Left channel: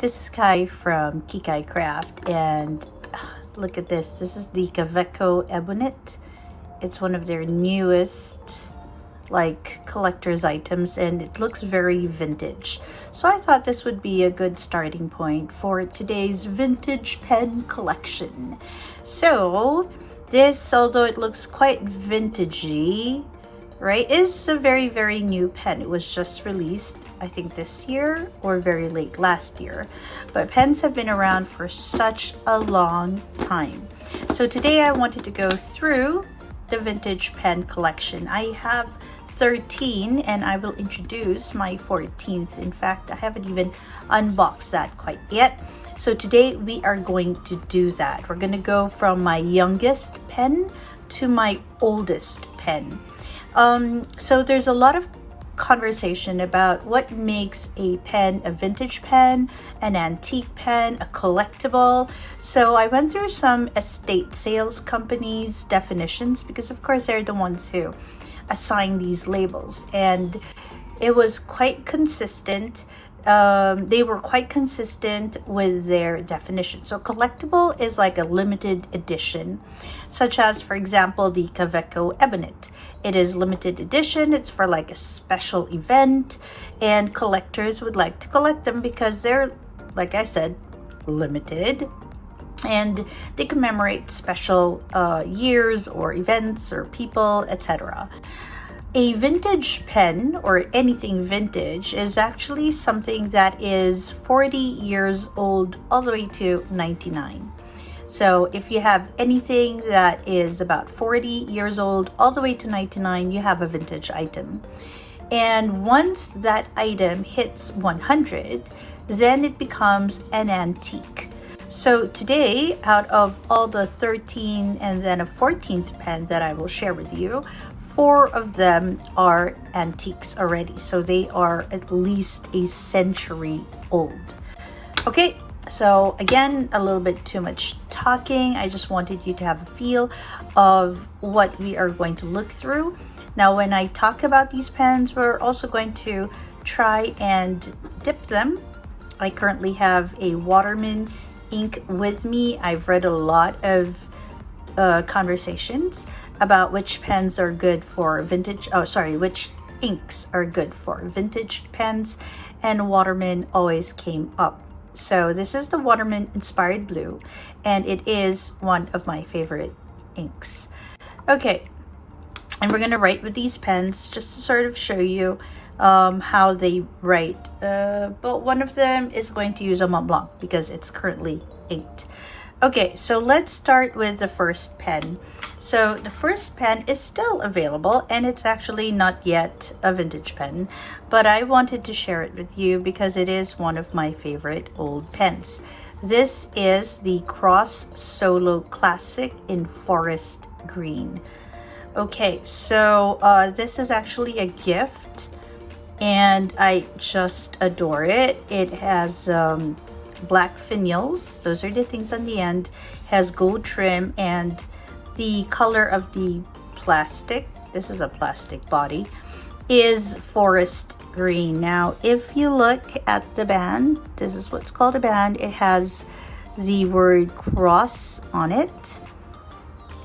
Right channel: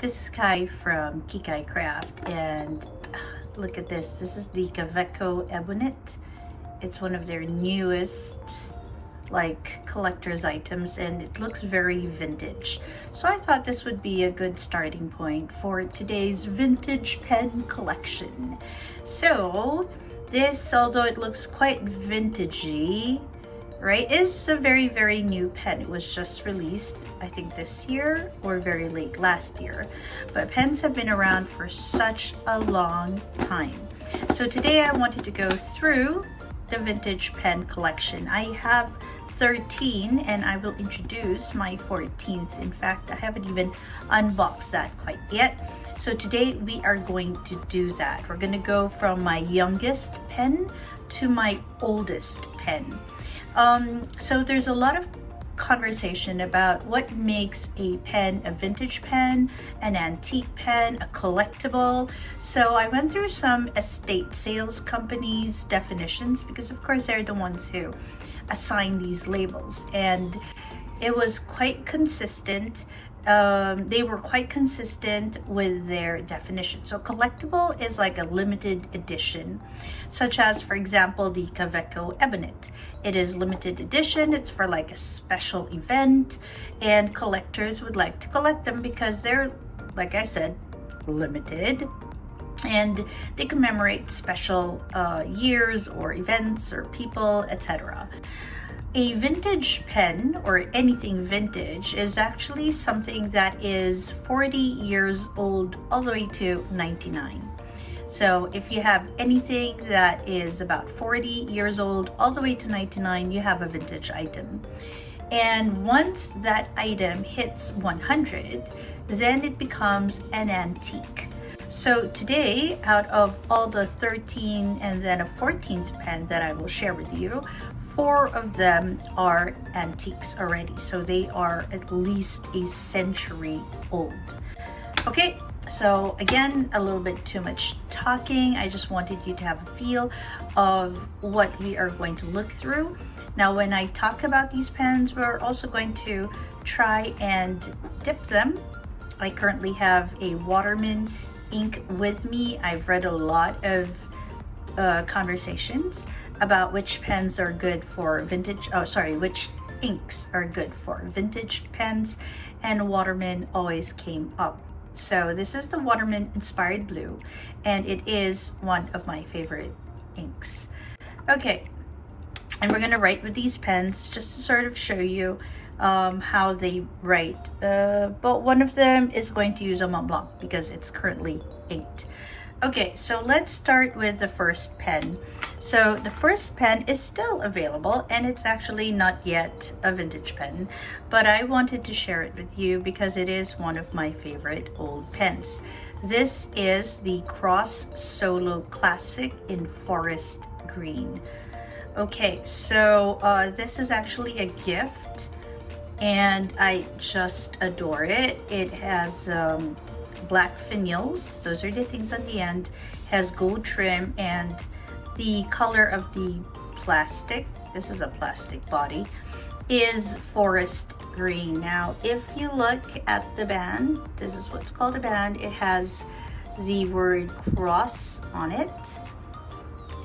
This is Kai from Kikai Craft, and look at this. This is the Kaweco Ebonit. It's one of their newest collector's items, and it looks very vintage. So I thought this would be a good starting point for today's vintage pen collection. So this, although it looks quite vintagey, right, is a very, very new pen. It was just released, I think this year or very late last year. But pens have been around for such a long time. So today I wanted to go through the vintage pen collection. I have 13 and I will introduce my 14th. In fact, I haven't even unboxed that quite yet. So today we are going to do that. We're going to go from my youngest pen to my oldest pen. So there's a lot of conversation about what makes a pen a vintage pen, an antique pen, a collectible. So I went through some estate sales companies' definitions, because of course they're the ones who assign these labels, and it was quite consistent. They were quite consistent with their definition. So collectible is like a limited edition, such as, for example, the Kaweco Ebonit. It is limited edition. It's for like a special event, and collectors would like to collect them because they're, like I said, limited, and they commemorate special years or events or people, etc. A vintage pen, or anything vintage, is actually something that is 40 years old all the way to 99. So if you have anything that is about 40 years old all the way to 99, you have a vintage item. And once that item hits 100, then it becomes an antique. So today, out of all the 13 and then a 14th pen that I will share with you, 4 of them are antiques already. So they are at least a century old. Okay, so again, a little bit too much talking. I just wanted you to have a feel of what we are going to look through. Now, when I talk about these pens, we're also going to try and dip them. I currently have a Waterman ink with me. I've read a lot of conversations about which pens are good for vintage, which inks are good for vintage pens, and Waterman always came up. So this is the Waterman Inspired Blue, and it is one of my favorite inks. Okay, and we're gonna write with these pens just to sort of show you how they write. But one of them is going to use a Montblanc because it's currently 8. Okay, so let's start with the first pen. So the first pen is still available, and it's actually not yet a vintage pen, but I wanted to share it with you because it is one of my favorite old pens. This is the Cross Solo Classic in Forest Green. Okay, so this is actually a gift, and I just adore it. It has black finials, those are the things on the end, has gold trim, and the color of the plastic, this is a plastic body, is forest green. Now if you look at the band, this is what's called a band. It has the word cross on it.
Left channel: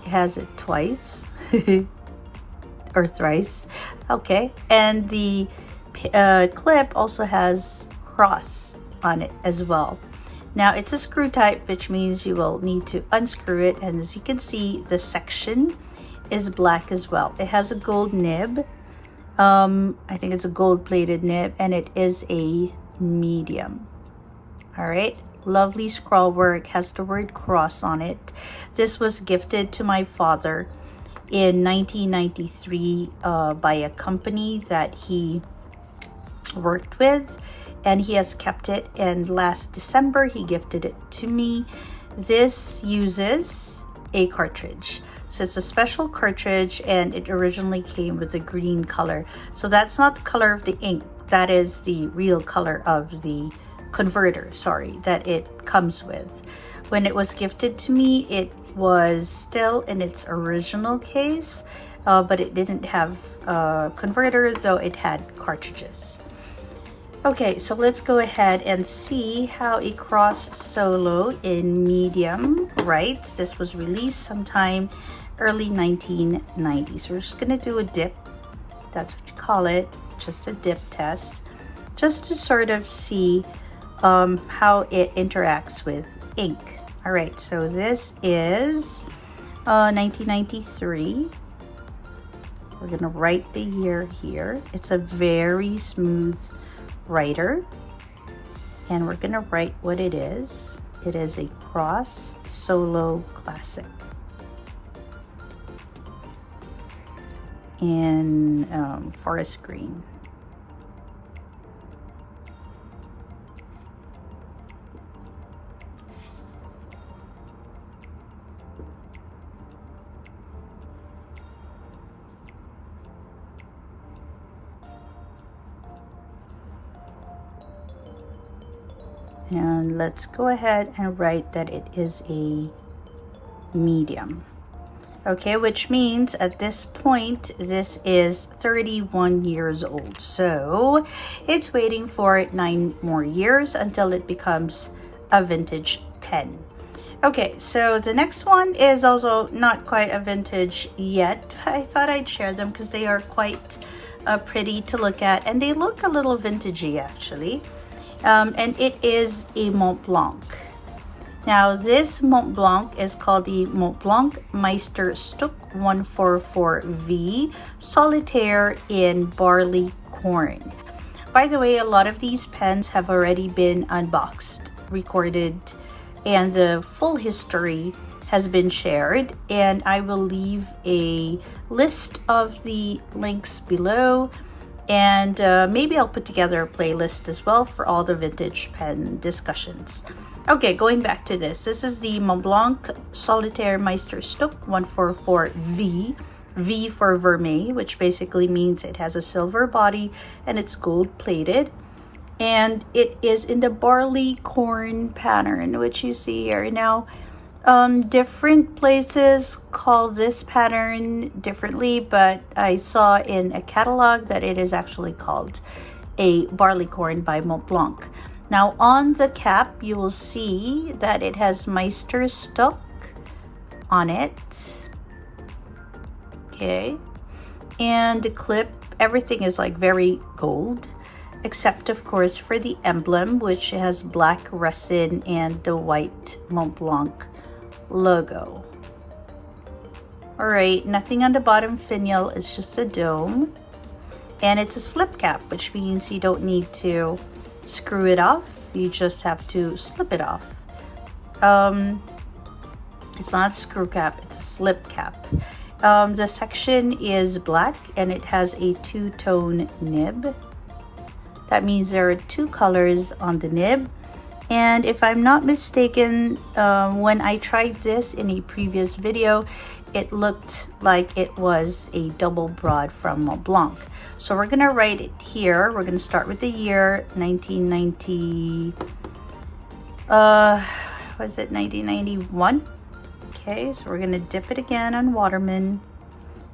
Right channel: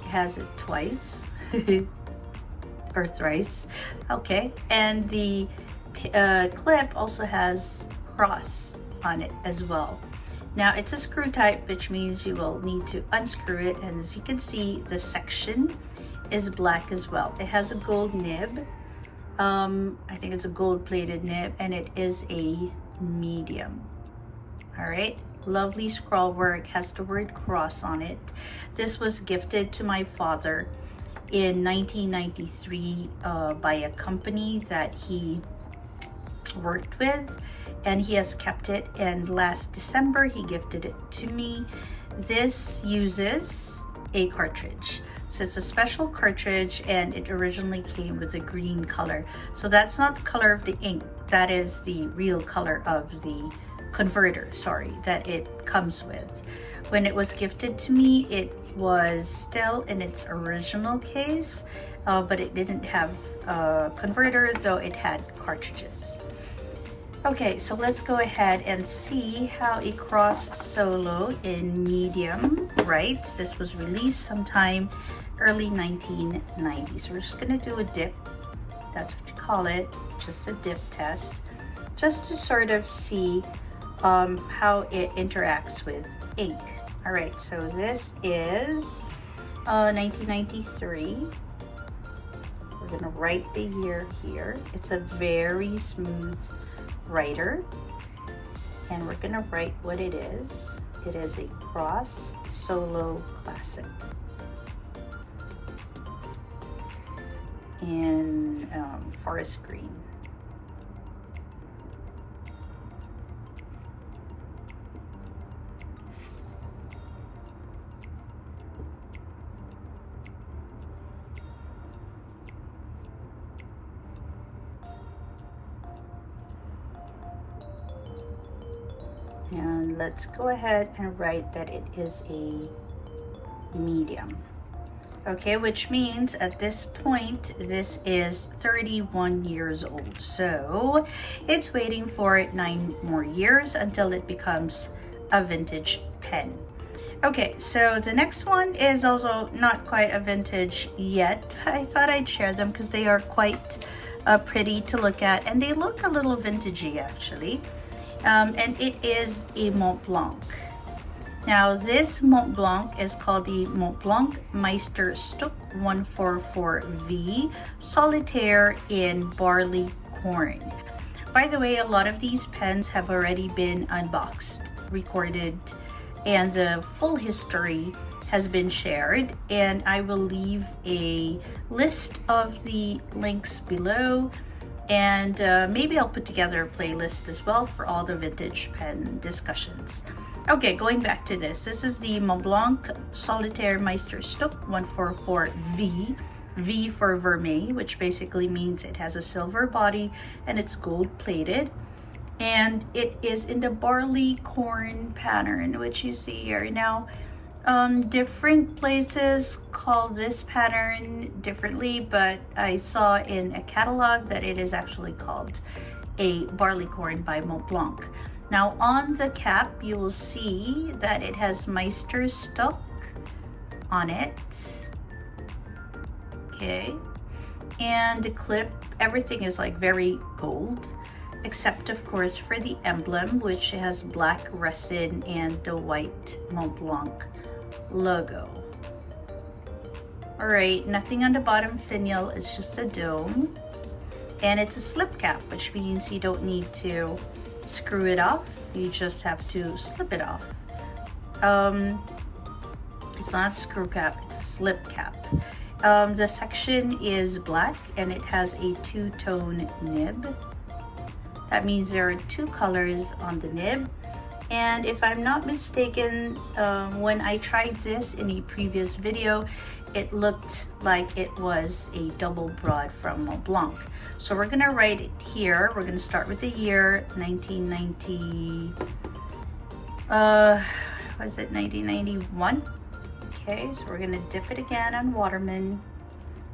It has it twice or thrice, okay, and the clip also has cross on it as well. Now it's a screw type, which means you will need to unscrew it, and as you can see, the section is black as well. It has a gold nib. I think it's a gold plated nib, and it is a medium. All right, lovely scroll work, has the word cross on it. This was gifted to my father in 1993 by a company that he worked with, and he has kept it, and last December he gifted it to me. This uses a cartridge, so it's a special cartridge, and it originally came with a green color. So that's not the color of the ink, that is the real color of the converter, that it comes with. When it was gifted to me, it was still in its original case, but it didn't have a converter, though it had cartridges. Okay, so let's go ahead and see how a cross solo in medium writes. This was released sometime early 1990s. We're just gonna do a dip. That's what you call it, just a dip test, just to sort of see how it interacts with ink. All right, so this is 1993. We're gonna write the year here. It's a very smooth writer, and we're gonna write what it is. It is a cross solo classic in forest green. And let's go ahead and write that it is a medium. Okay, which means at this point, this is 31 years old. So it's waiting for 9 more years until it becomes a vintage pen. Okay, so the next one is also not quite a vintage yet. I thought I'd share them because they are quite pretty to look at, and they look a little vintagey actually. And it is a Montblanc. Now this Montblanc is called the Montblanc Meisterstück 144V Solitaire in Barley Corn. By the way, a lot of these pens have already been unboxed, recorded, and the full history has been shared, and I will leave a list of the links below. And maybe I'll put together a playlist as well for all the vintage pen discussions. Okay, going back to this. This is the Montblanc Solitaire Meisterstück 144V. V for vermeil, which basically means it has a silver body and it's gold plated. And it is in the barley corn pattern, which you see here. Now, different places call this pattern differently, but I saw in a catalog that it is actually called a barley corn by Montblanc. Now on the cap, you will see that it has Meisterstück on it. Okay, and the clip, everything is like very gold, except of course for the emblem, which has black resin and the white Montblanc logo. All right, nothing on the bottom finial, it's just a dome, and it's a slip cap, which means you don't need to screw it off, you just have to slip it off. It's not a screw cap, it's a slip cap. The section is black and it has a two-tone nib. That means there are 2 colors on the nib. And if I'm not mistaken, when I tried this in a previous video, it looked like it was a double broad from Montblanc. So we're gonna write it here. We're gonna start with the year 1990, what is it, 1991? Okay, so we're gonna dip it again on Waterman,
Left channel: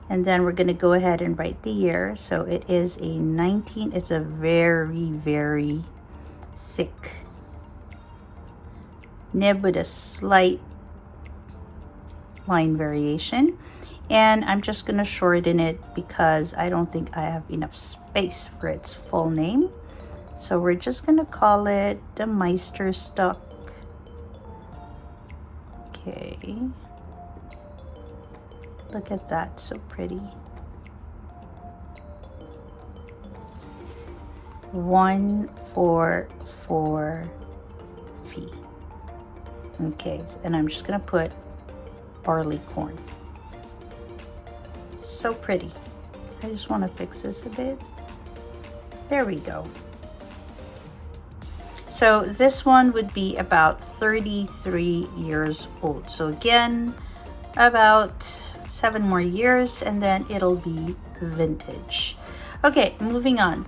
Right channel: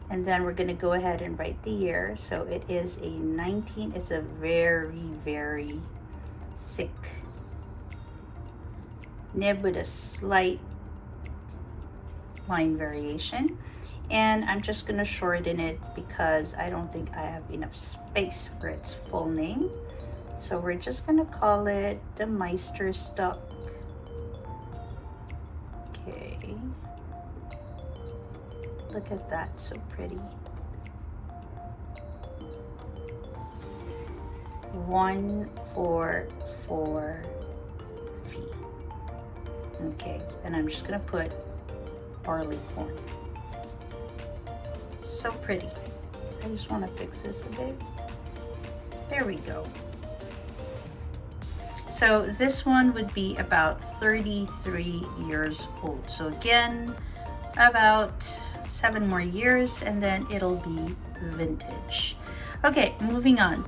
and then we're gonna go ahead and write the year. So it is it's a very, very thick nib with a slight line variation, and I'm just gonna shorten it because I don't think I have enough space for its full name. So we're just gonna call it the Meisterstück. Okay, look at that, so pretty. 144V. Okay, and I'm just gonna put barley corn. So pretty. I just want to fix this a bit. There we go. So this one would be about 33 years old. So again, about 7 more years and then it'll be vintage. Okay, moving on.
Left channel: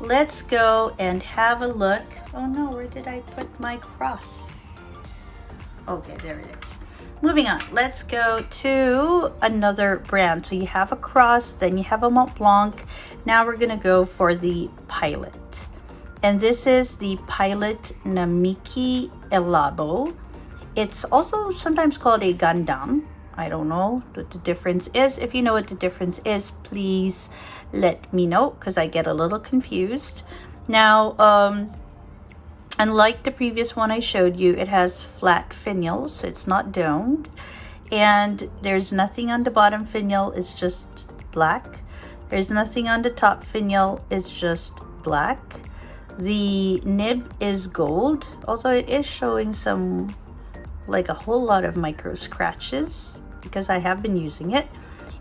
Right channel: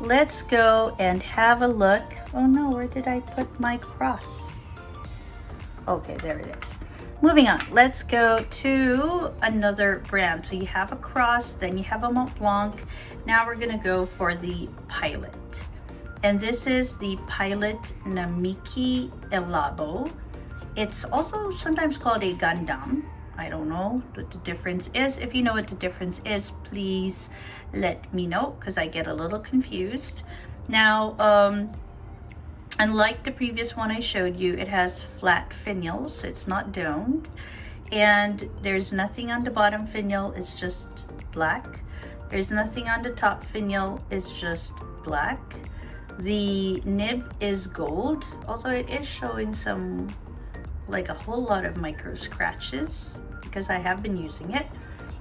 Let's go and have a look. Oh no, where did I put my cross? Okay, there it is. Moving on, let's go to another brand. So you have a cross, then you have a Montblanc. Now we're gonna go for the Pilot. And this is the Pilot Namiki Elabo. It's also sometimes called a Gundam. I don't know what the difference is. If you know what the difference is, please let me know, because I get a little confused. Now, unlike the previous one I showed you, it has flat finials, so it's not domed. And there's nothing on the bottom finial, it's just black. There's nothing on the top finial, it's just black. The nib is gold, although it is showing some, like a whole lot of micro scratches, because I have been using it.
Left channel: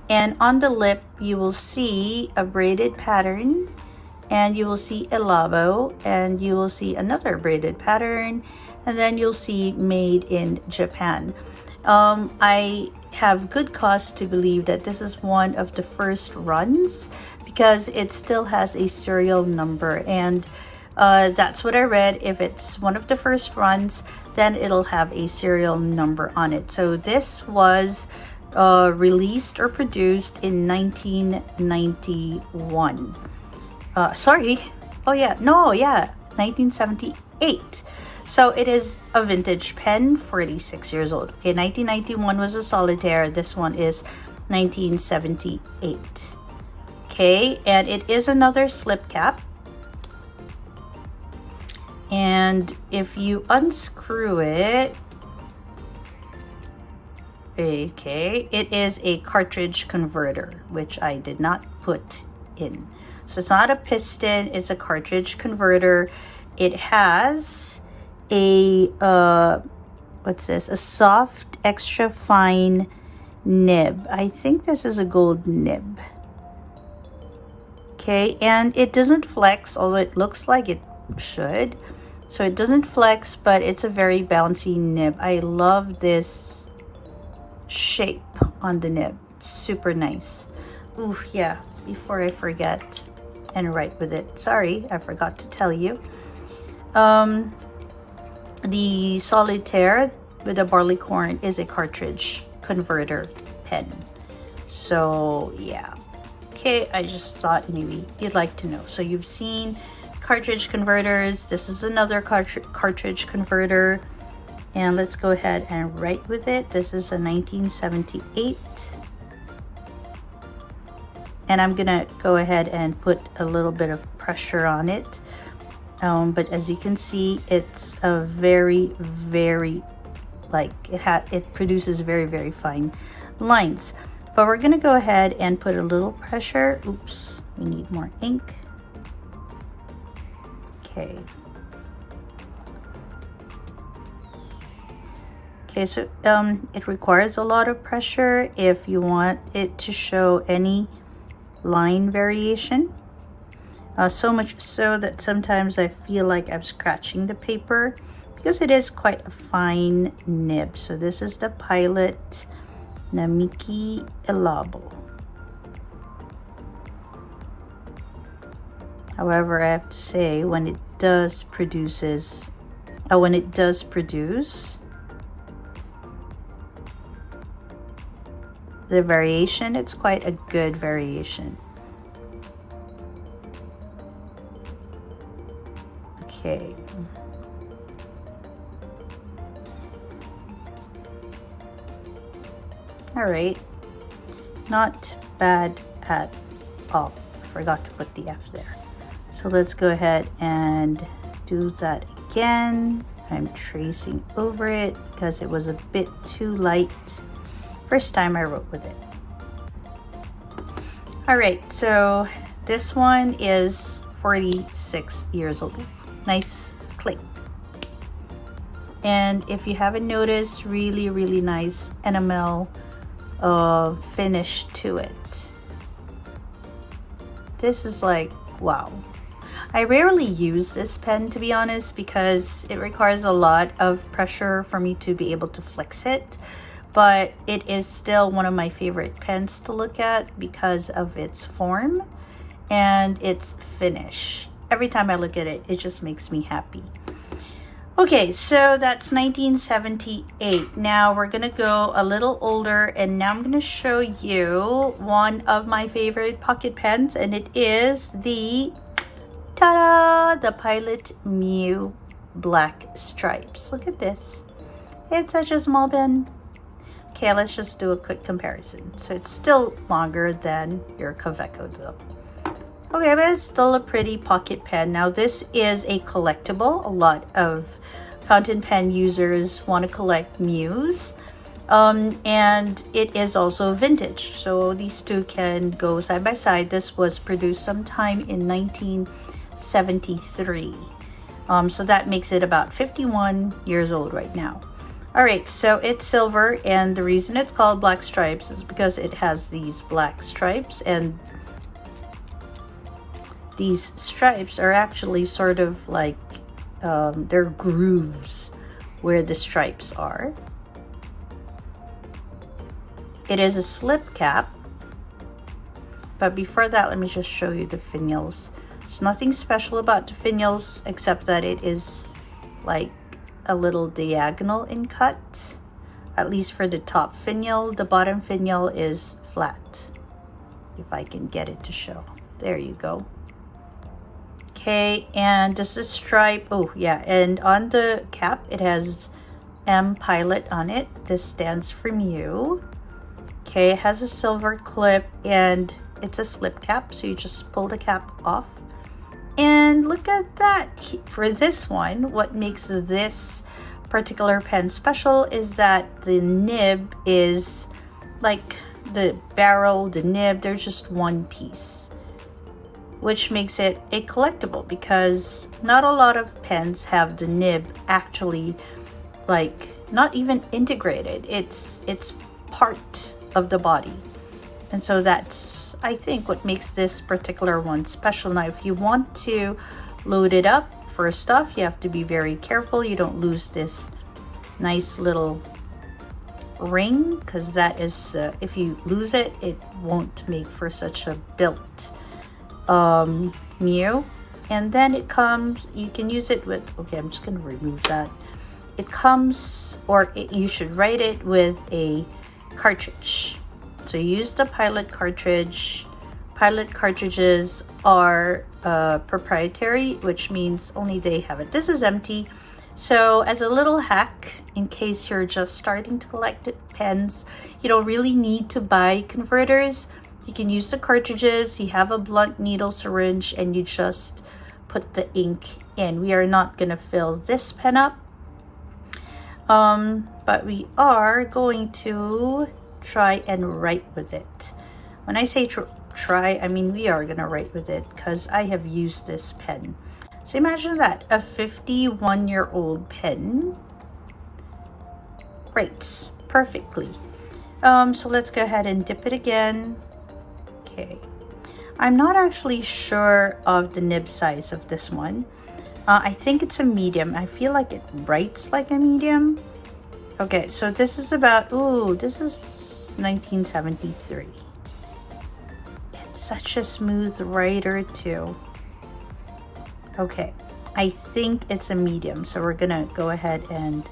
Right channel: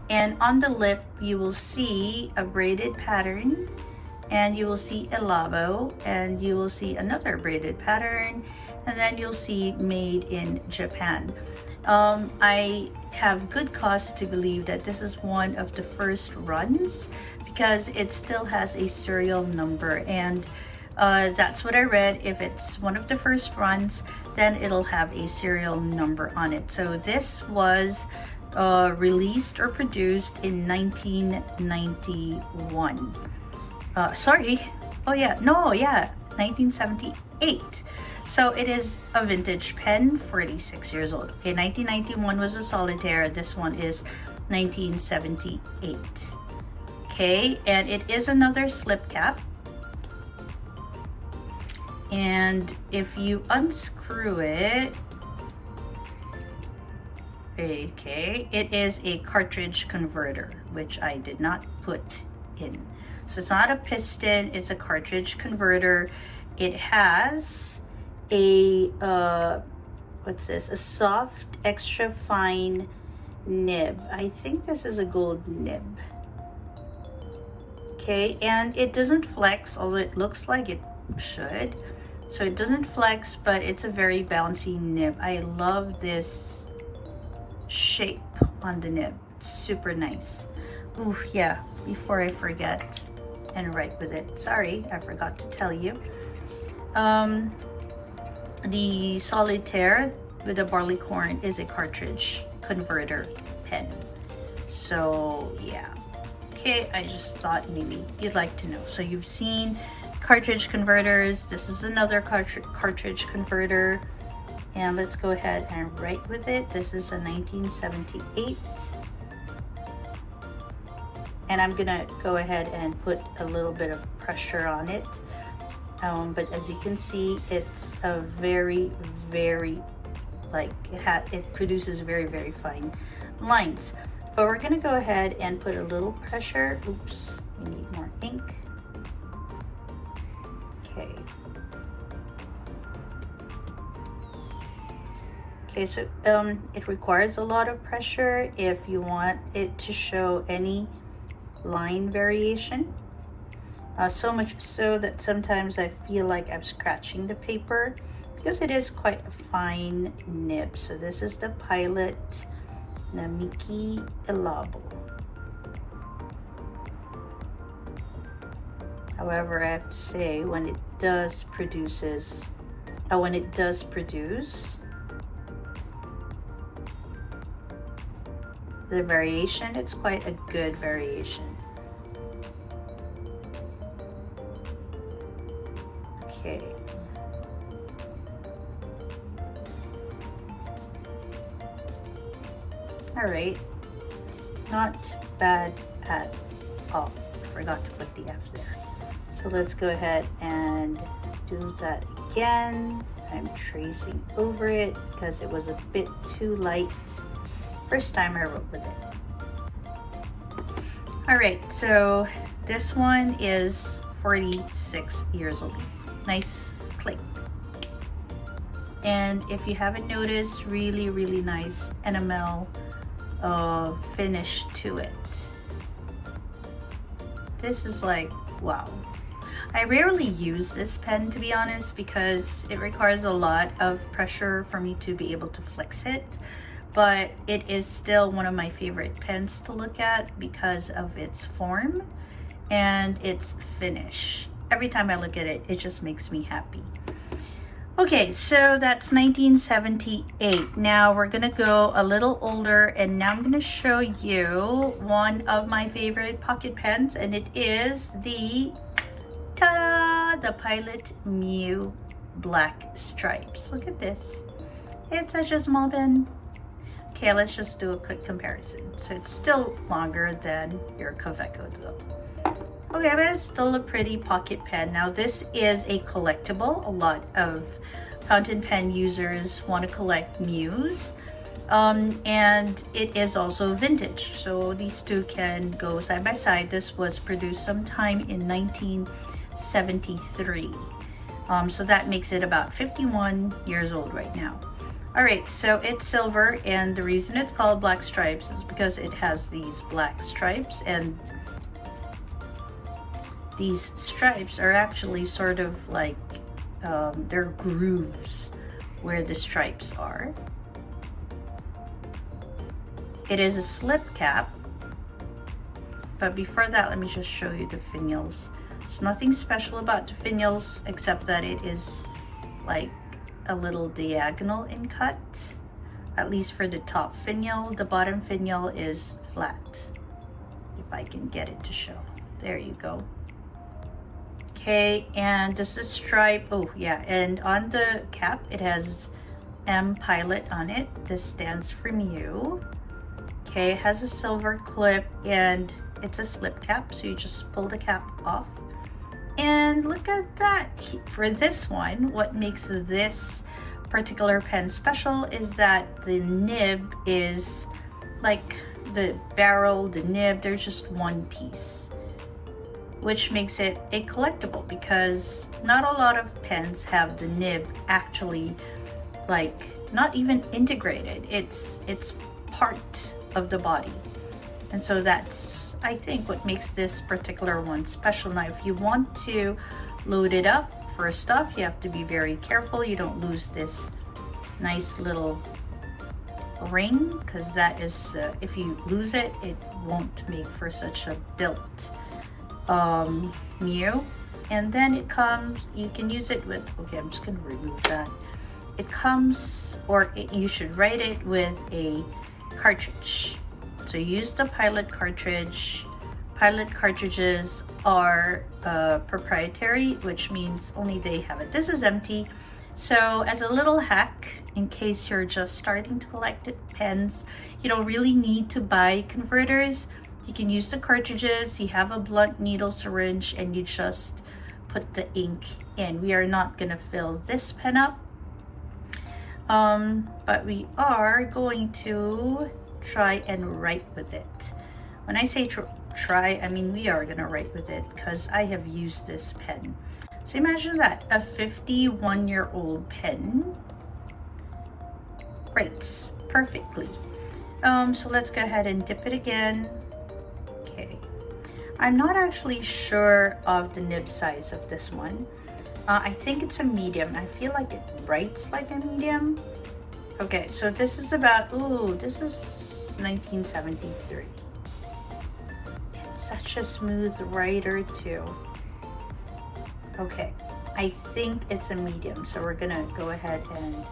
And on the lip, you will see a braided pattern, and you will see Elabo, and you will see another braided pattern, and then you'll see made in Japan. I have good cause to believe that this is one of the first runs, because it still has a serial number, and that's what I read. If it's one of the first runs, then it'll have a serial number on it. So this was released or produced in 1991. Sorry. Oh yeah, no, yeah, 1978. So it is a vintage pen, 46 years old. Okay, 1991 was a solitaire. This one is 1978. Okay, and it is another slip cap. And if you unscrew it, okay, it is a cartridge converter, which I did not put in. So it's not a piston, it's a cartridge converter. It has a, what's this? A soft, extra fine nib. I think this is a gold nib. Okay, and it doesn't flex, although it looks like it should. So it doesn't flex, but it's a very bouncy nib. I love this shape on the nib. It's super nice. Ooh, yeah, before I forget and write with it. Sorry, I forgot to tell you. The solitaire with the barleycorn is a cartridge converter pen. So yeah. Okay, I just thought maybe you'd like to know. So you've seen cartridge converters. This is another cartridge converter, and let's go ahead and write with it. This is a 1978, and I'm gonna go ahead and put a little bit of pressure on it, but as you can see, it's a very like it produces very fine lines. But we're gonna go ahead and put a little pressure. Oops, we need more ink. Okay. Okay, so it requires a lot of pressure if you want it to show any line variation. So much so that sometimes I feel like I'm scratching the paper, because it is quite a fine nib. So this is the Pilot Namiki Elabo. However, I have to say, when it does produce, the variation, it's quite a good variation. Okay. All right, not bad at all. Forgot to put the F there. So let's go ahead and do that again. I'm tracing over it because it was a bit too light first time I wrote with it. All right, so this one is 46 years old. Nice click. And if you haven't noticed, really nice enamel finish to it. This is like, wow. I rarely use this pen, to be honest, because it requires a lot of pressure for me to be able to flex it, but it is still one of my favorite pens to look at because of its form and its finish. Every time I look at it, it just makes me happy. Okay, so that's 1978. Now we're gonna go a little older, and now I'm gonna show you one of my favorite pocket pens, and it is the Ta-da! The Pilot Mew Black Stripes. Look at this. It's such a small pen. Okay, let's just do a quick comparison. So it's still longer than your Kaweco though. Okay, but it's still a pretty pocket pen. Now this is a collectible. A lot of fountain pen users want to collect Mews. And it is also vintage. So these two can go side by side. This was produced sometime in 1973. So that makes it about 51 years old right now. All right, so it's silver, and the reason it's called Black Stripes is because it has these black stripes, and these stripes are actually sort of like they're grooves where the stripes are. It is a slip cap, but before that, let me just show you the finials. There's nothing special about the finials except that it is like a little diagonal in cut, at least for the top finial. The bottom finial is flat, if I can get it to show. There you go. Okay, and this is stripe. Oh yeah, and on the cap it has M Pilot on it. This stands for Mew. Okay, it has a silver clip and it's a slip cap, so you just pull the cap off. And look at that. For this one, what makes this particular pen special is that the nib is like the barrel, the nib, they're just one piece, which makes it a collectible because not a lot of pens have the nib actually like not even integrated. It's part of the body, and so that's, I think, what makes this particular one special. Now if you want to load it up, first off you have to be very careful you don't lose this nice little ring, because that is if you lose it, it won't make for such a built Mew. And then it comes, you can use it with, okay, I'm just gonna remove that. It comes, or you should write it with a cartridge. So use the Pilot cartridge. Pilot cartridges are proprietary, which means only they have it. This is empty. So as a little hack, in case you're just starting to collect pens, you don't really need to buy converters. You can use the cartridges. You have a blunt needle syringe and you just put the ink in. We are not gonna fill this pen up, but we are going to try and write with it. When I say try, I mean we are gonna write with it because I have used this pen. So imagine that, a 51-year-old pen writes perfectly. So let's go ahead and dip it again. Okay, I'm not actually sure of the nib size of this one. I think it's a medium. I feel like it writes like a medium. Okay, so this is about, ooh, this is 1973. It's such a smooth writer too. Okay, I think it's a medium, so we're gonna go ahead and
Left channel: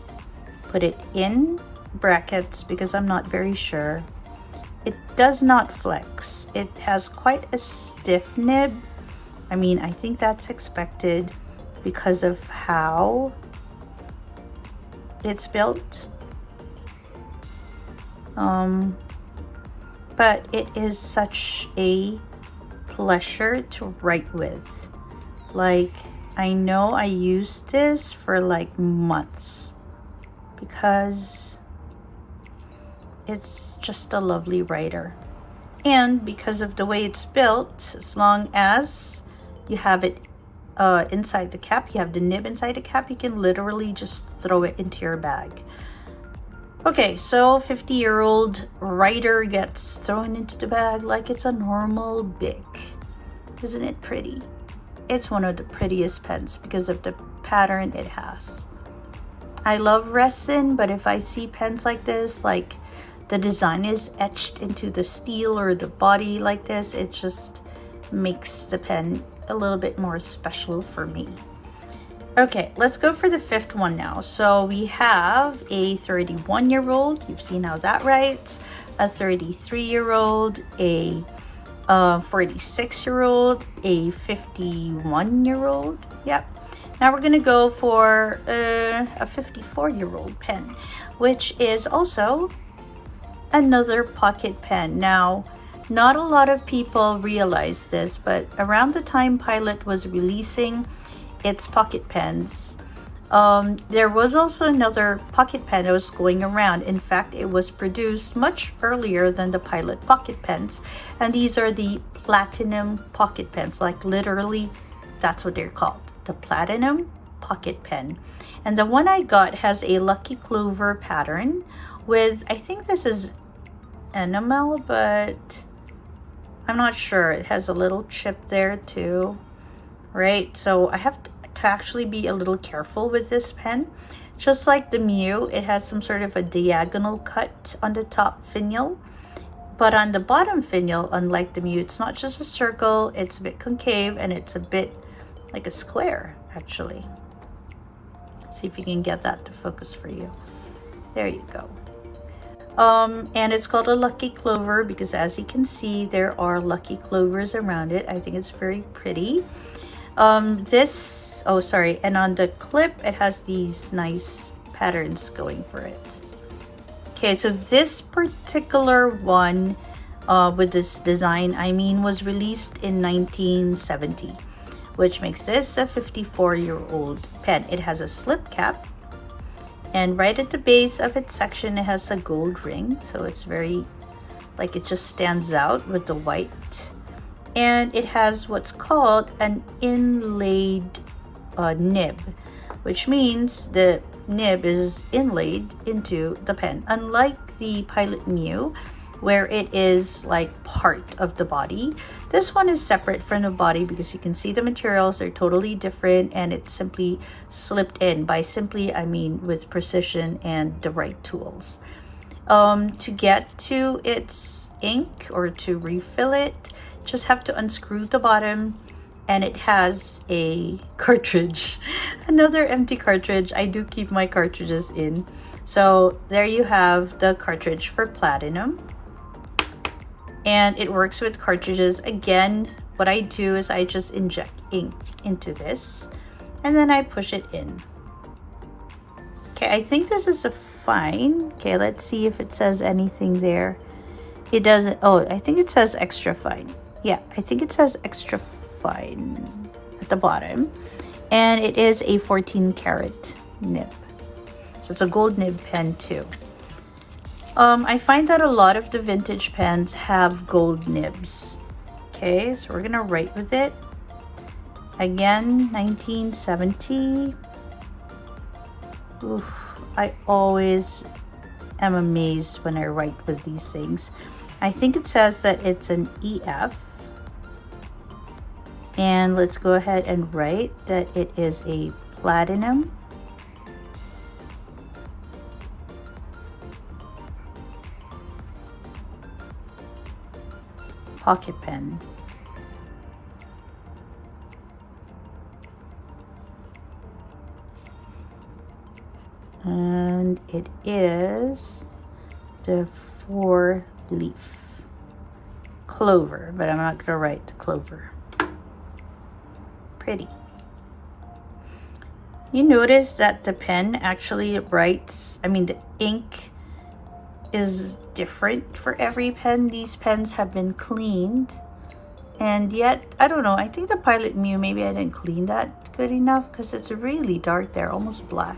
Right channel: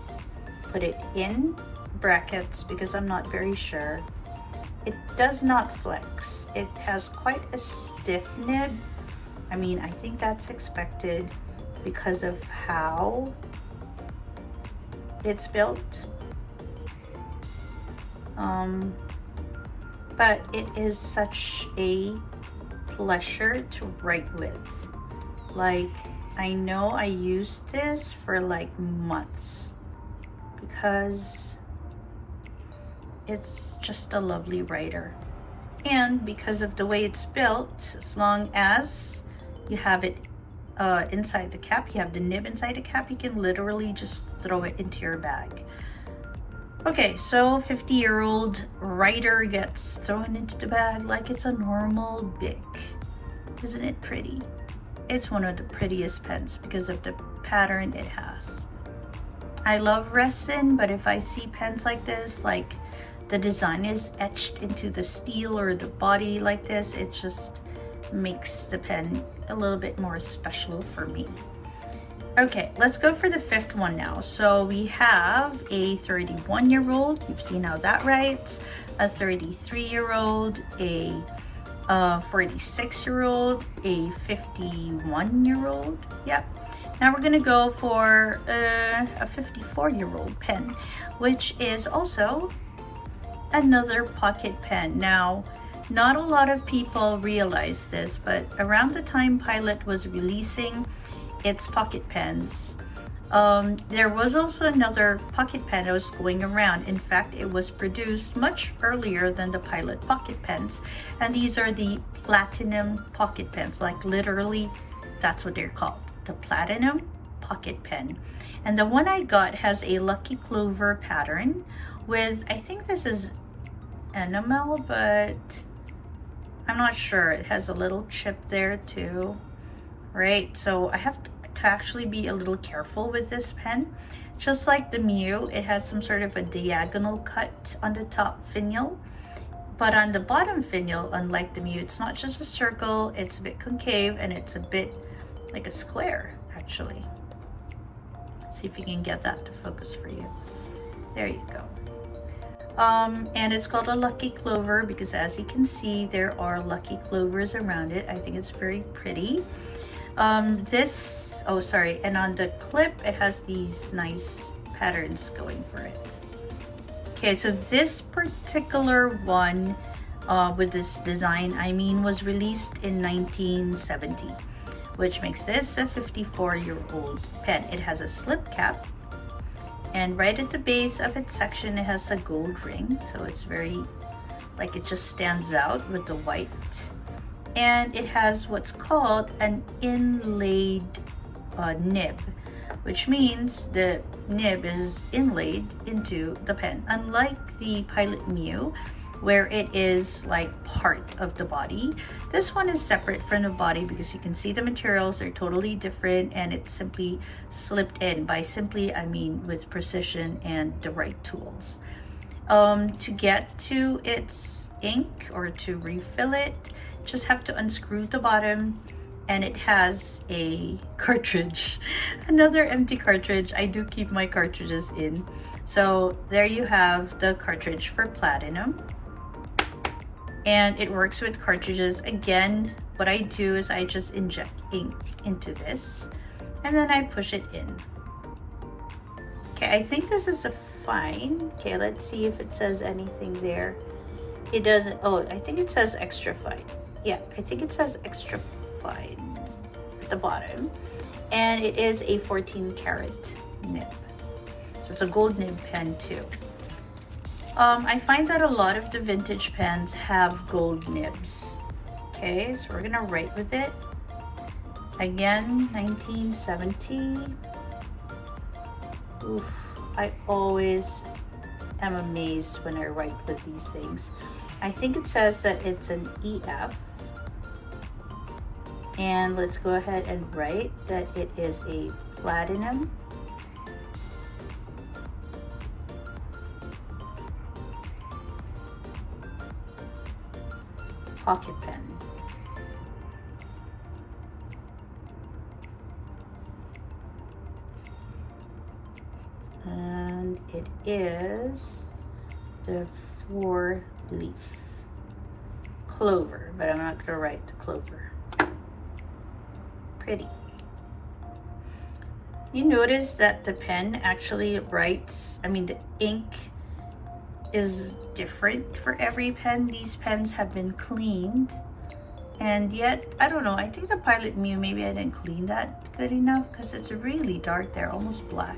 put it in brackets because I'm not very sure. It does not flex. It has quite a stiff nib. I mean, I think that's expected because of how it's built. But it is such a pleasure to write with. Like, I know I used this for like months because it's just a lovely writer. And because of the way it's built, as long as you have it inside the cap, you have the nib inside the cap, you can literally just throw it into your bag. Okay, so 50-year-old writer gets thrown into the bag like it's a normal Bic. Isn't it pretty? It's one of the prettiest pens because of the pattern it has. I love resin, but if I see pens like this, like the design is etched into the steel or the body like this, it just makes the pen a little bit more special for me. Okay, let's go for the fifth one now. So we have a 31-year-old. You've seen how that writes. A 33-year-old, a 46-year-old, a 51-year-old. Yep. Now we're gonna go for a 54-year-old pen, which is also another pocket pen. Now, not a lot of people realize this, but around the time Pilot was releasing its pocket pens, there was also another pocket pen that was going around. In fact, it was produced much earlier than the Pilot pocket pens, and these are the platinum pocket pens. Like literally, that's what they're called, the platinum pocket pen. And the one I got has a lucky clover pattern with, I think this is enamel, but I'm not sure. It has a little chip there too, right? So I have to actually be a little careful with this pen. Just like the Mew, it has some sort of a diagonal cut on the top finial, but on the bottom finial, unlike the Mew, it's not just a circle, it's a bit concave and it's a bit like a square actually. Let's see if you can get that to focus for you. There you go. And it's called a lucky clover because, as you can see, there are lucky clovers around it. I think it's very pretty. Oh sorry, and on the clip it has these nice patterns going for it. Okay, so this particular one with this design, I mean, was released in 1970, which makes this a 54-year-old pen. It has a slip cap, and right at the base of its section it has a gold ring, so it's very, like, it just stands out with the white. And it has what's called an inlaid nib, which means the nib is inlaid into the pen. Unlike the Pilot Mew, where it is like part of the body, this one is separate from the body because you can see the materials are totally different, and it's simply slipped in. By simply, I mean with precision and the right tools. To get to its ink or to refill it, just have to unscrew the bottom, and it has a cartridge, another empty cartridge. I do keep my cartridges in. So there you have the cartridge for platinum, and it works with cartridges. Again, what I do is I just inject ink into this and then I push it in. Okay, I think this is a fine. Okay, let's see if it says anything there. It doesn't. Oh, I think it says extra fine. Yeah, I think it says extra fine at the bottom, and it is a 14 karat nib, so it's a gold nib pen too. I find that a lot of the vintage pens have gold nibs. Okay, so we're gonna write with it again. 1970. Oof, I always am amazed when I write with these things. I think it says that it's an EF. And let's go ahead and write that it is a platinum pocket pen. And it is the 4-leaf clover, but I'm not going to write the clover. Pretty. You notice that the pen actually writes, I mean, the ink is different for every pen. These pens have been cleaned, and yet, I don't know, I think the Pilot Mew, maybe I didn't clean that good enough because it's really dark there, almost black.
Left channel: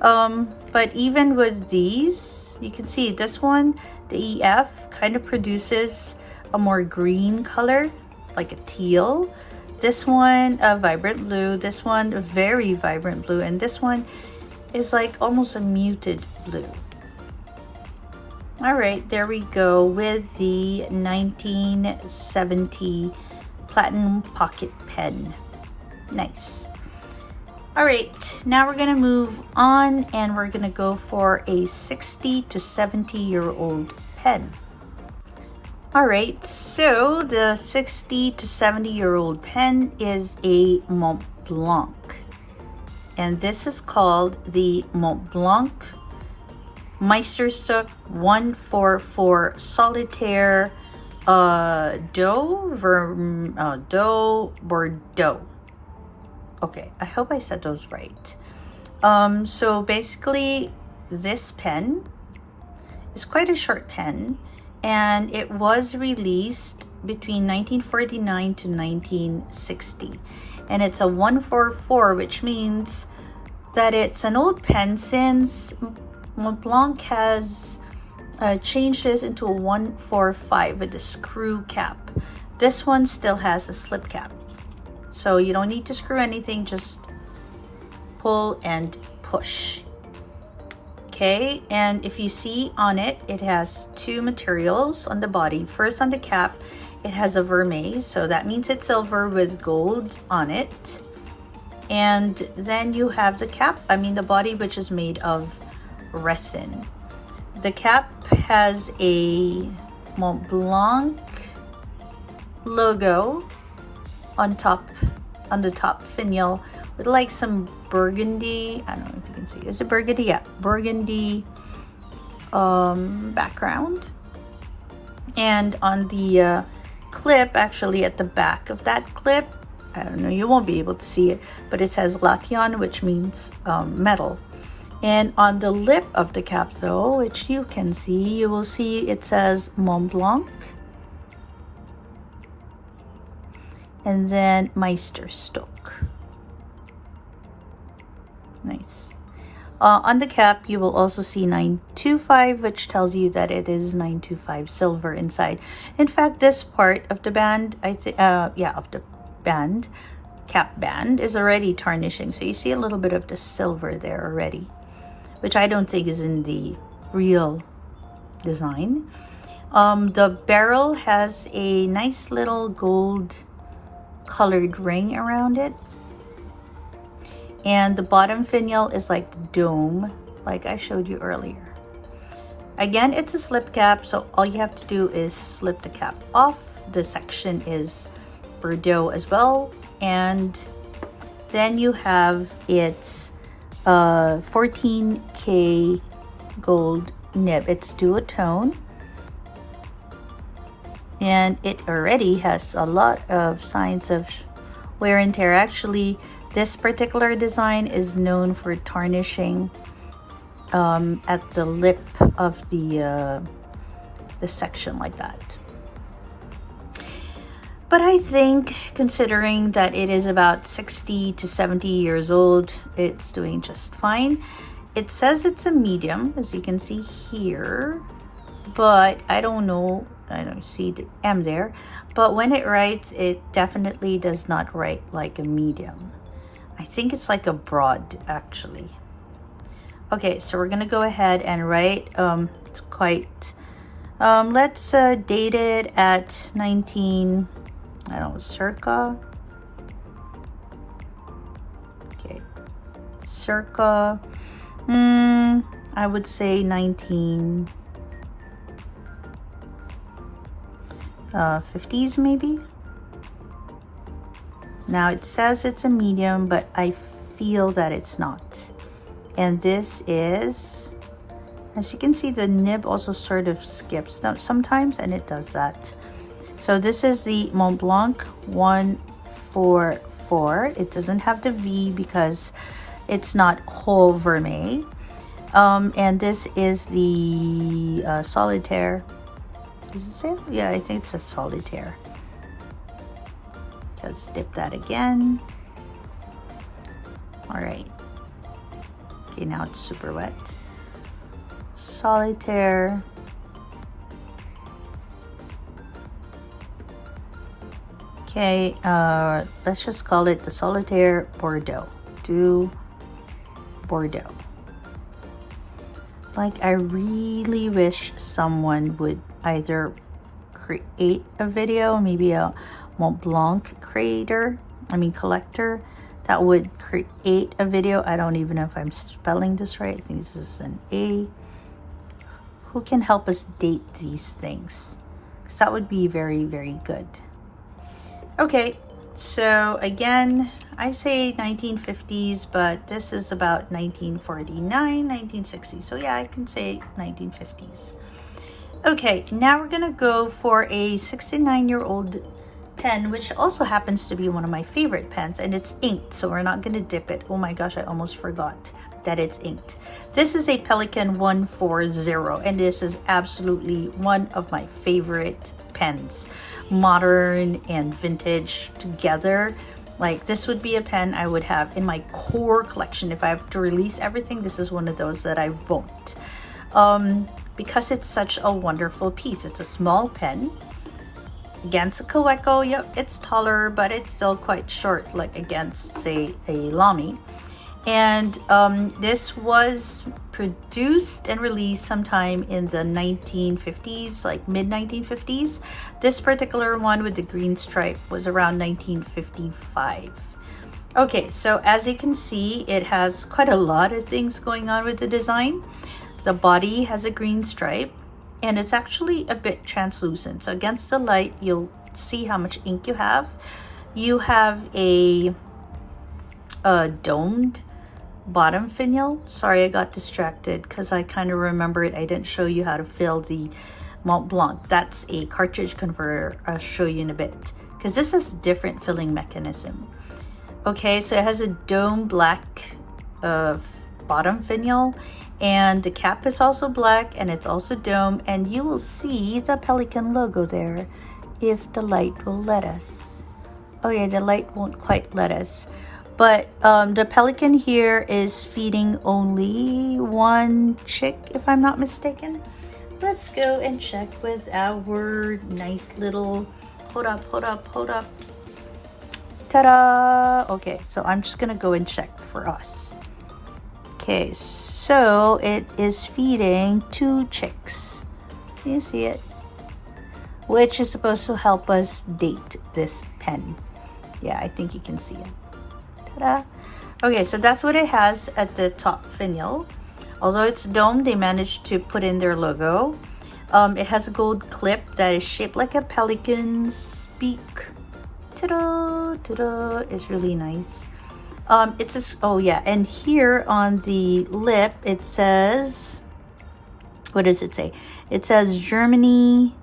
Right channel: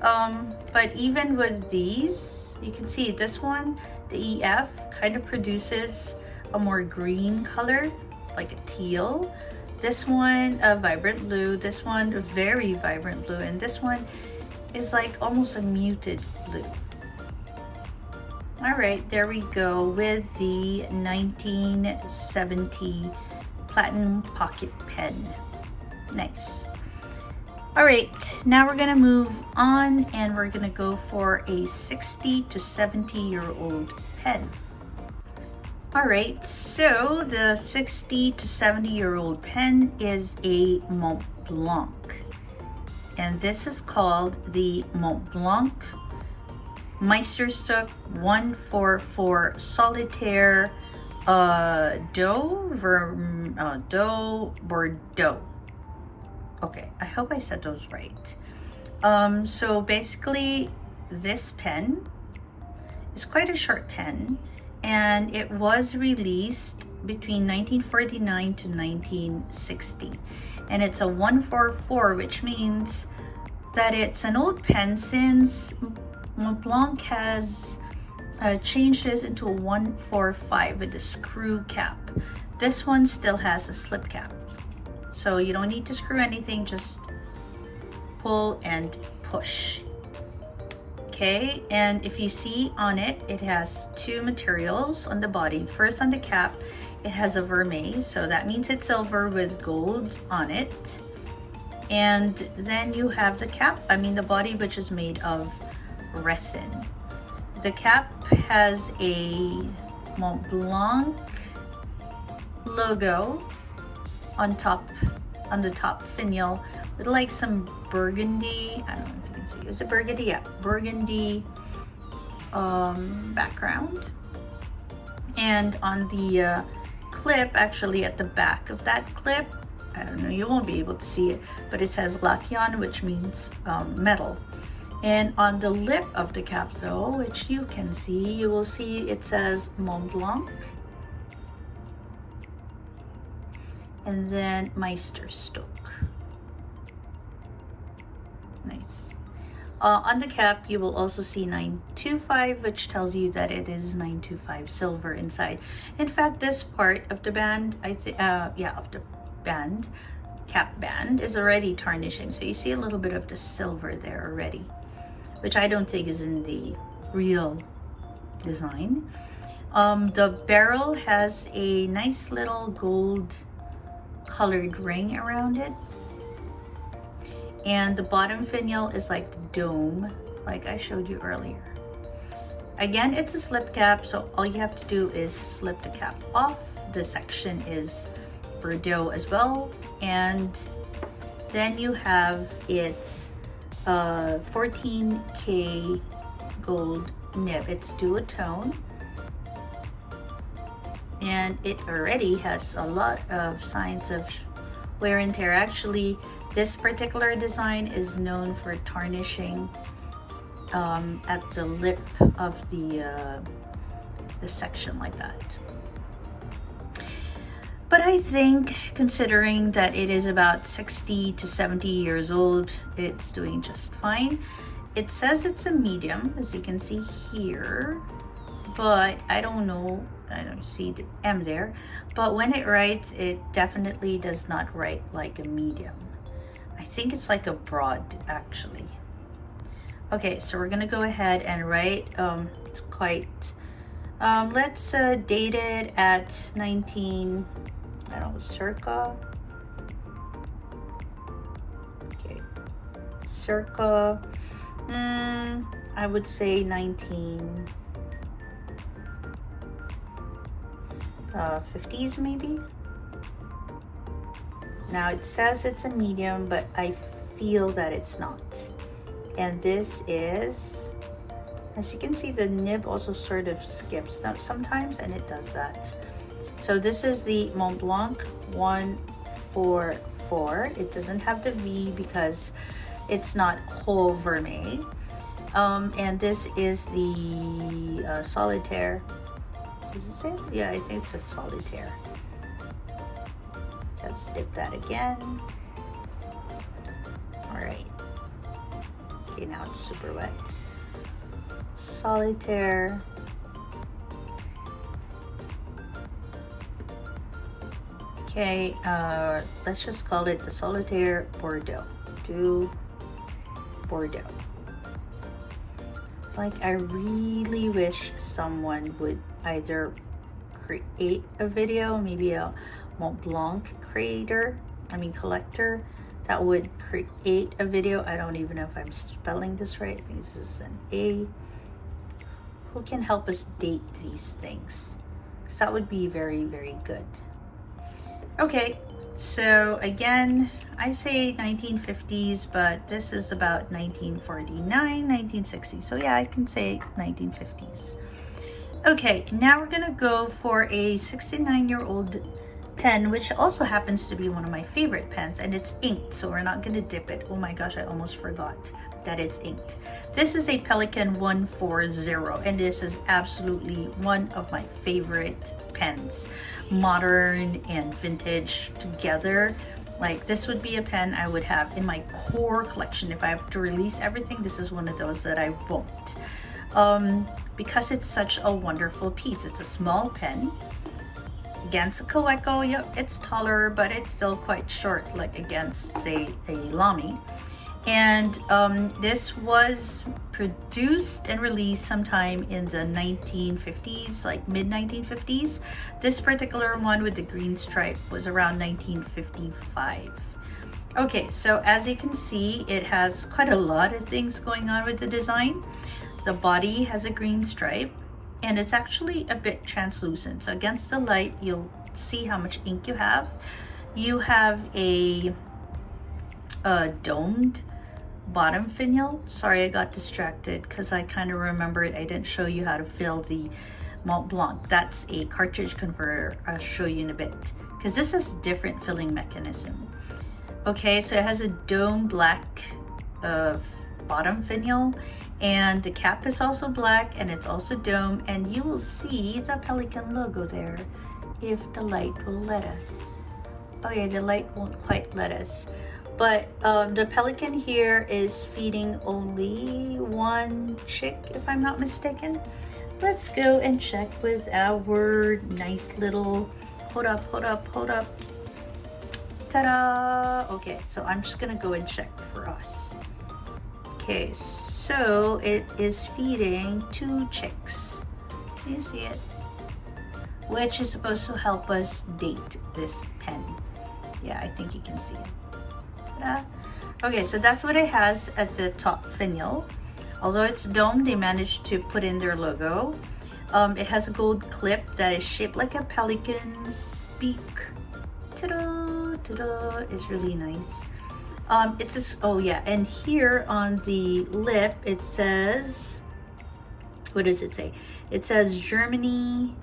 But even with these, you can see this one, the EF, kind of produces a more green color, like a teal. This one, a vibrant blue. This one, a very vibrant blue. And this one is like almost a muted blue. All right, there we go with the 1970 Platinum Pocket Pen. Nice. All right, now we're gonna move on and we're gonna go for a 60 to 70-year-old pen. All right, so the 60 to 70-year-old pen is a Montblanc, and this is called the Montblanc Meisterstück 144 Solitaire Doe Bordeaux. Okay, I hope I said those right. So basically this pen is quite a short pen, and it was released between 1949 to 1960, and it's a 144, which means that it's an old pen since Montblanc has changed this into a 145 with a screw cap. This one still has a slip cap, so you don't need to screw anything, just pull and push. Okay, and if you see on it, it has two materials on the body. First, on the cap, it has a vermeil, so that means it's silver with gold on it. And then you have the cap, the body, which is made of resin. The cap has a Montblanc logo on top, on the top finial, with like some burgundy, I don't know if you can see, is it burgundy? Yeah, burgundy background. And on the clip, actually at the back of that clip, I don't know, you won't be able to see it, but it says Lation, which means metal. And on the lip of the cap though, which you can see, you will see it says Montblanc. And then Meisterstück. Nice. On the cap, you will also see 925, which tells you that it is 925 silver inside. In fact, this part of the band, of the band, cap band, is already tarnishing. So you see a little bit of the silver there already, which I don't think is in the real design. The barrel has a nice little gold colored ring around it. And the bottom finial is like the dome, like I showed you earlier. Again, it's a slip cap, so all you have to do is slip the cap off. The section is Bordeaux as well. And then you have its 14K gold nib. It's duotone. And it already has a lot of signs of wear and tear. Actually, this particular design is known for tarnishing at the lip of the section like that. But I think, considering that it is about 60 to 70 years old, it's doing just fine. It says it's a medium, as you can see here, but I don't know, I don't see the M there, but when it writes, it definitely does not write like a medium. I think it's like a broad, actually. Okay, so we're gonna go ahead and write, it's quite, let's date it at 19, I don't know, circa, okay, circa, I would say 1950s maybe. Now it says it's a medium, but I feel that it's not. And this is, as you can see, the nib also sort of skips sometimes, and it does that. So this is the Montblanc 144. It doesn't have the V because it's not whole vermeil. And this is the solitaire. Does it say? Yeah, I think it's a solitaire. Let's dip that again. All right. Okay, now it's super wet. Solitaire. Okay, let's just call it the Solitaire Bordeaux. Do Bordeaux. Like, I really wish someone would either create a video, maybe a Montblanc collector that would create a video. I don't even know if I'm spelling this right. I think this is an A. Who can help us date these things? Because that would be very, very good. Okay, so again, I say 1950s, but this is about 1949, 1960. So yeah, I can say 1950s. Okay, now we're gonna go for a 69-year-old pen, which also happens to be one of my favorite pens, and it's inked, so we're not gonna dip it. Oh my gosh, I almost forgot that it's inked. This is a Pelikan 140, and this is absolutely one of my favorite pens. Modern and vintage together. Like, this would be a pen I would have in my core collection. If I have to release everything, this is one of those that I won't. Because it's such a wonderful piece. It's a small pen. Against a Kaweco, yep, it's taller, but it's still quite short, like against, say, a Lamy. And this was produced and released sometime in the 1950s, like mid-1950s. This particular one with the green stripe was around 1955. Okay, so as you can see, it has quite a lot of things going on with the design. The body has a green stripe, and it's actually a bit translucent. So against the light, you'll see how much ink you have. You have a domed bottom finial. Sorry, I got distracted because I kind of remembered I didn't show you how to fill the Montblanc. That's a cartridge converter. I'll show you in a bit because this is a different filling mechanism. Okay, so it has a dome black bottom finial, and the cap is also black, and it's also dome, and you will see the Pelikan logo there if the light will let us. Oh yeah, the light won't quite let us. But the Pelikan here is feeding only one chick, if I'm not mistaken. Let's go and check with our nice little, hold up. Ta-da! Okay, so I'm just gonna go and check for us. Okay, so it is feeding 2 chicks. Can you see it? Which is supposed to help us date this pen. Yeah, I think you can see it. Ta-da! Okay, so that's what it has at the top finial. Although it's domed, they managed to put in their logo. It has a gold clip that is shaped like a pelican's beak. Ta-da! Ta-da! It's really nice. Oh yeah, and here on the lip it says, what does it say? It says Germany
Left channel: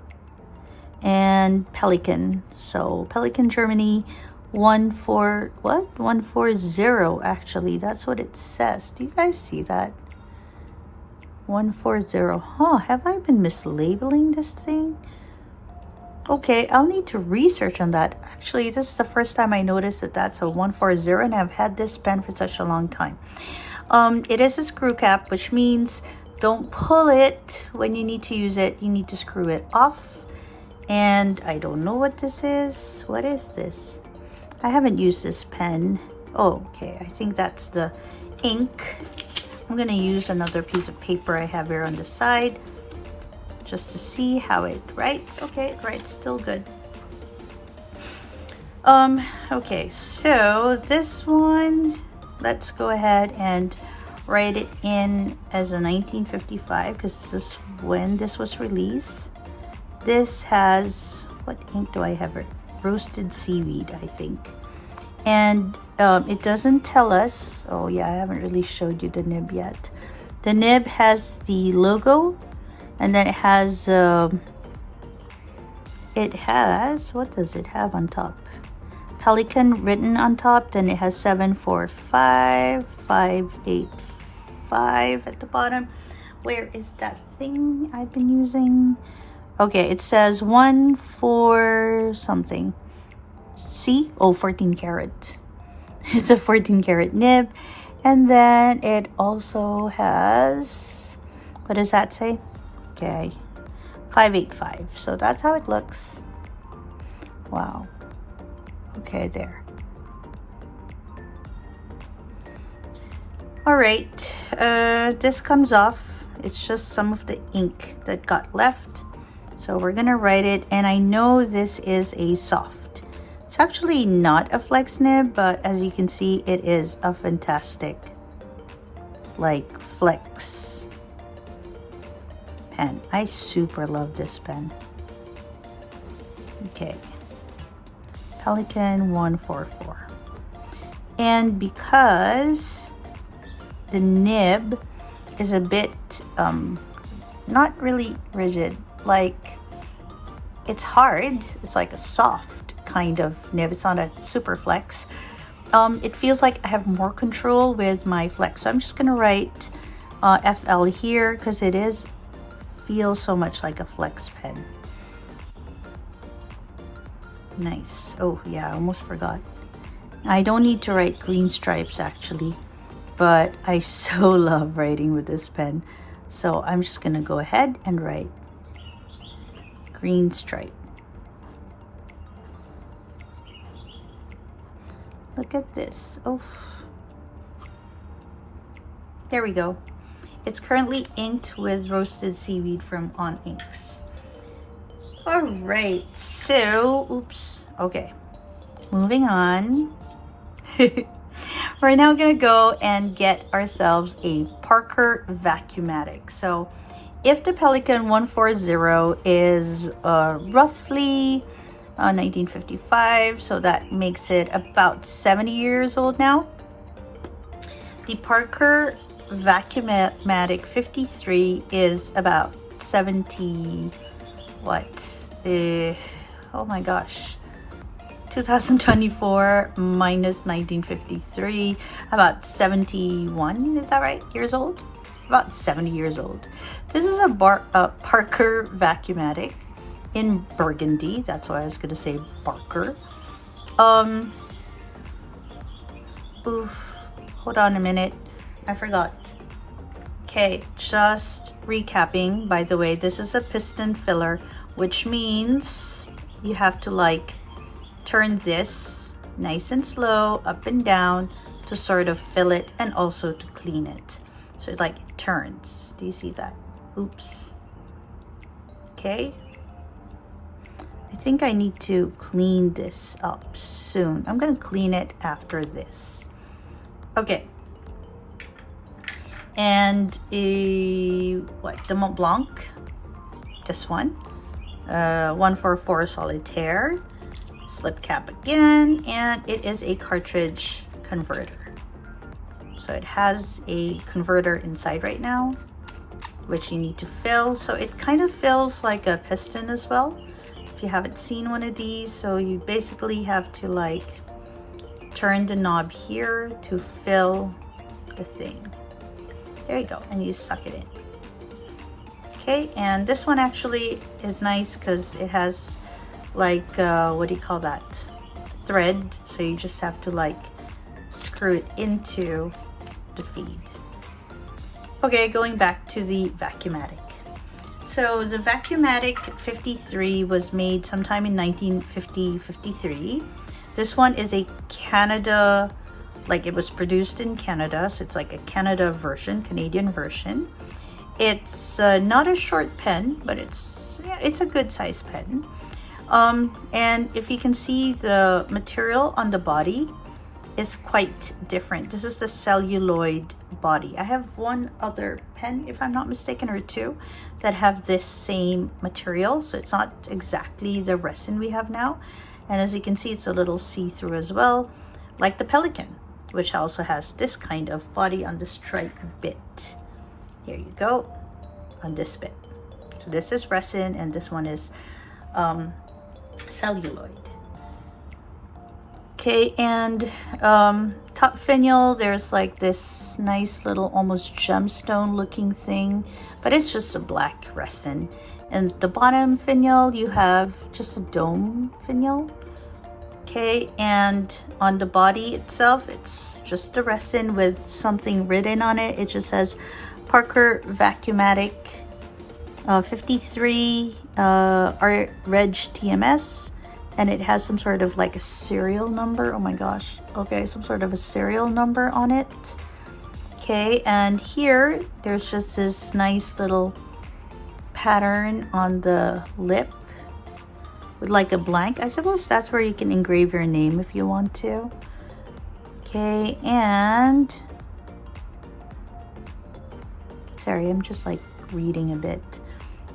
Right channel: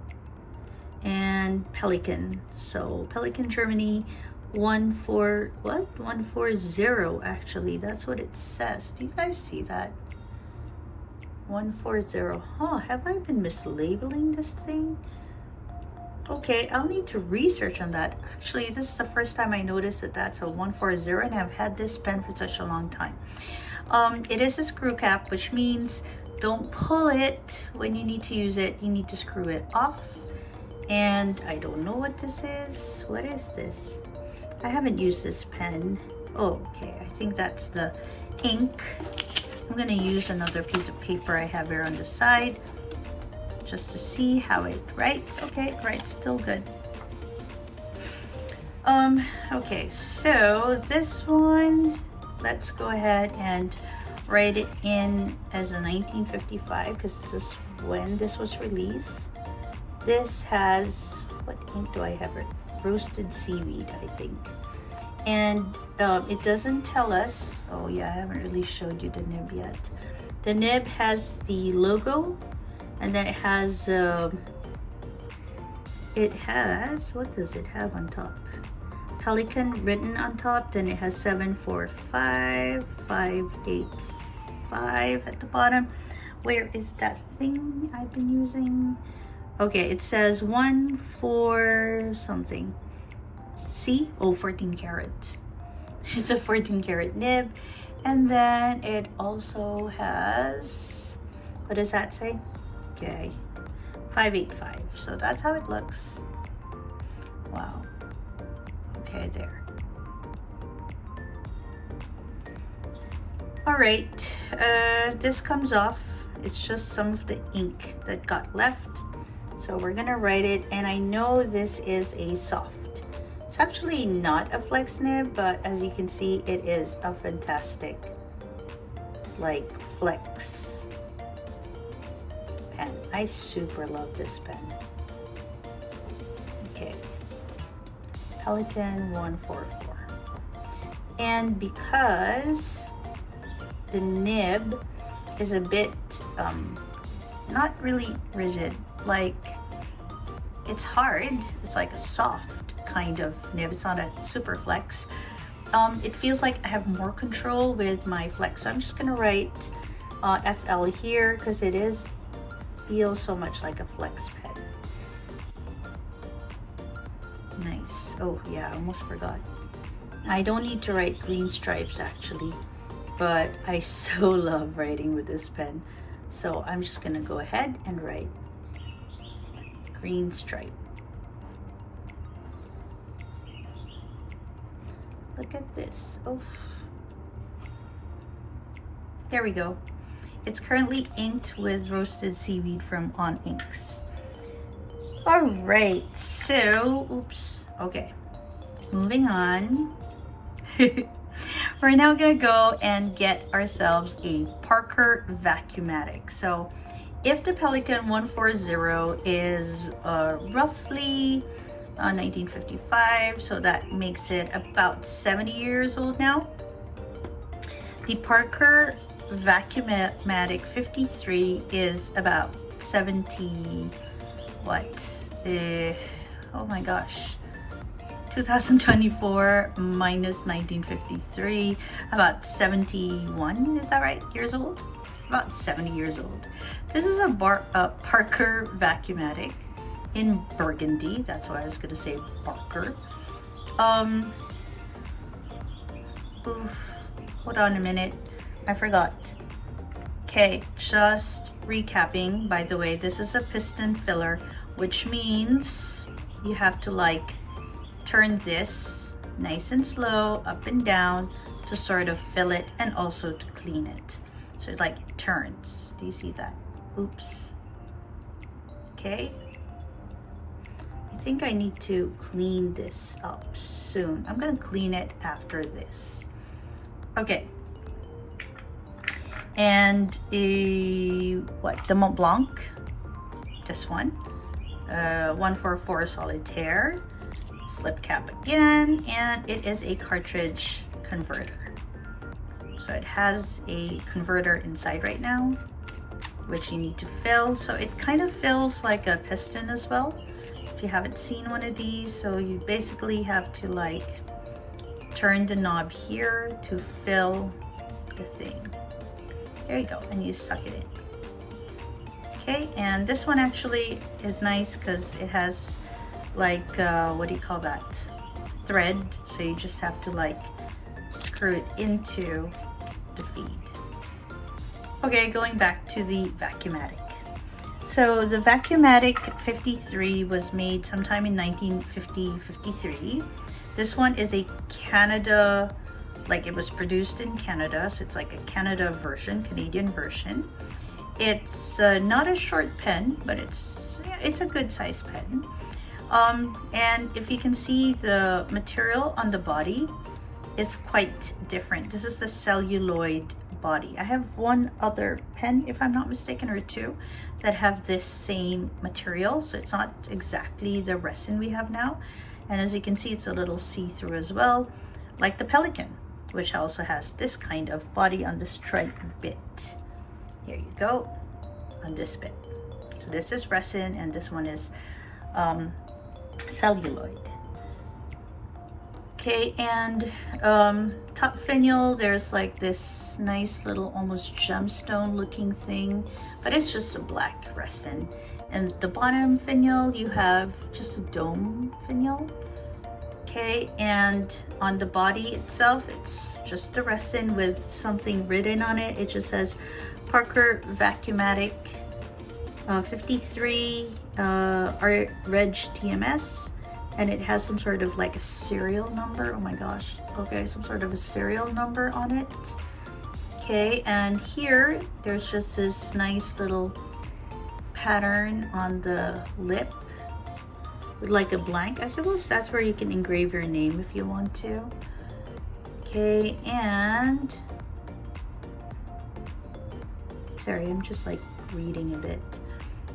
and Pelikan. So Pelikan Germany 140 actually. That's what it says. Do you guys see that? 140. Huh, have I been mislabeling this thing? Okay, I'll need to research on that. Actually, this is the first time I noticed that that's a 140, and I've had this pen for such a long time. It is a screw cap, which means don't pull it when you need to use it. You need to screw it off. And I don't know what this is. What is this? I haven't used this pen. Oh, okay, I think that's the ink. I'm gonna use another piece of paper I have here on the side, just to see how it writes. Okay, it writes still good. Okay, so this one, let's go ahead and write it in as a 1955 because this is when this was released. This has, what ink do I have? Roasted seaweed, I think. And it doesn't tell us. Oh yeah, I haven't really showed you the nib yet. The nib has the logo, and then it has, what does it have on top? Pelikan written on top, then it has 745585 at the bottom. Where is that thing I've been using? Okay, it says 14 something. See? Oh, 14 karat. It's a 14 karat nib. And then it also has, what does that say? Okay, 585. So that's how it looks. Wow. Okay, there. All right, this comes off. It's just some of the ink that got left. So we're gonna write it, and I know this is a soft. It's actually not a flex nib, but as you can see, it is a fantastic, like, flex pen. I super love this pen. Okay, Pelikan 144. And because the nib is a bit not really rigid, like, it's hard. It's like a soft kind of nib. It's not a super flex. It feels like I have more control with my flex. So I'm just gonna write FL here because it feels so much like a flex pen. Nice. Oh yeah, I almost forgot. I don't need to write green stripes actually, but I so love writing with this pen. So I'm just gonna go ahead and write green stripe. Look at this. Oh, there we go. It's currently inked with roasted seaweed from On Inks. All right, so, oops, okay, moving on. We're now gonna go and get ourselves a Parker Vacuumatic. So if the Pelikan 140 is roughly 1955, so that makes it about 70 years old now, the Parker Vacuumatic 53 is about 70, what? Oh my gosh. 2024 minus 1953, about 71, is that right? Years old? About 70 years old. This is a Parker Vacuumatic in burgundy. That's why I was gonna say Parker. Oof, hold on a minute. I forgot. Okay, just recapping, by the way, this is a piston filler, which means you have to like turn this nice and slow up and down to sort of fill it and also to clean it. So it like turns. Do you see that? Oops. Okay. I think I need to clean this up soon. I'm gonna clean it after this. Okay. And what? The Montblanc, this one. 144 Solitaire. Slip cap again, and it is a cartridge converter. So it has a converter inside right now, which you need to fill. So it kind of fills like a piston as well. If you haven't seen one of these, so you basically have to like turn the knob here to fill the thing. There you go, and you suck it in. Okay, and this one actually is nice because it has like what do you call that, thread, so you just have to like screw it into the feed. Okay, going back to the Vacuumatic. So the Vacuumatic 53 was made sometime in 1953. This one is a Canada, like it was produced in Canada, so it's like a Canada version, Canadian version. It's not a short pen, but it's a good size pen. And if you can see, the material on the body is quite different. This is the celluloid body. I have one other pen, if I'm not mistaken, or two, that have this same material. So it's not exactly the resin we have now. And as you can see, it's a little see-through as well, like the Pelikan, which also has this kind of body on the stripe bit. Here you go, on this bit. So this is resin, and this one is celluloid. Okay, and top finial, there's like this nice little almost gemstone looking thing, but it's just a black resin. And the bottom finial, you have just a dome finial. Okay, and on the body itself, it's just a resin with something written on it. It just says Parker Vacuumatic 53 Reg TMS, and it has some sort of like a serial number. Oh my gosh. Okay, some sort of a serial number on it. Okay, and here there's just this nice little pattern on the lip with like a blank. I suppose that's where you can engrave your name if you want to. Okay, and sorry, I'm just like reading a bit.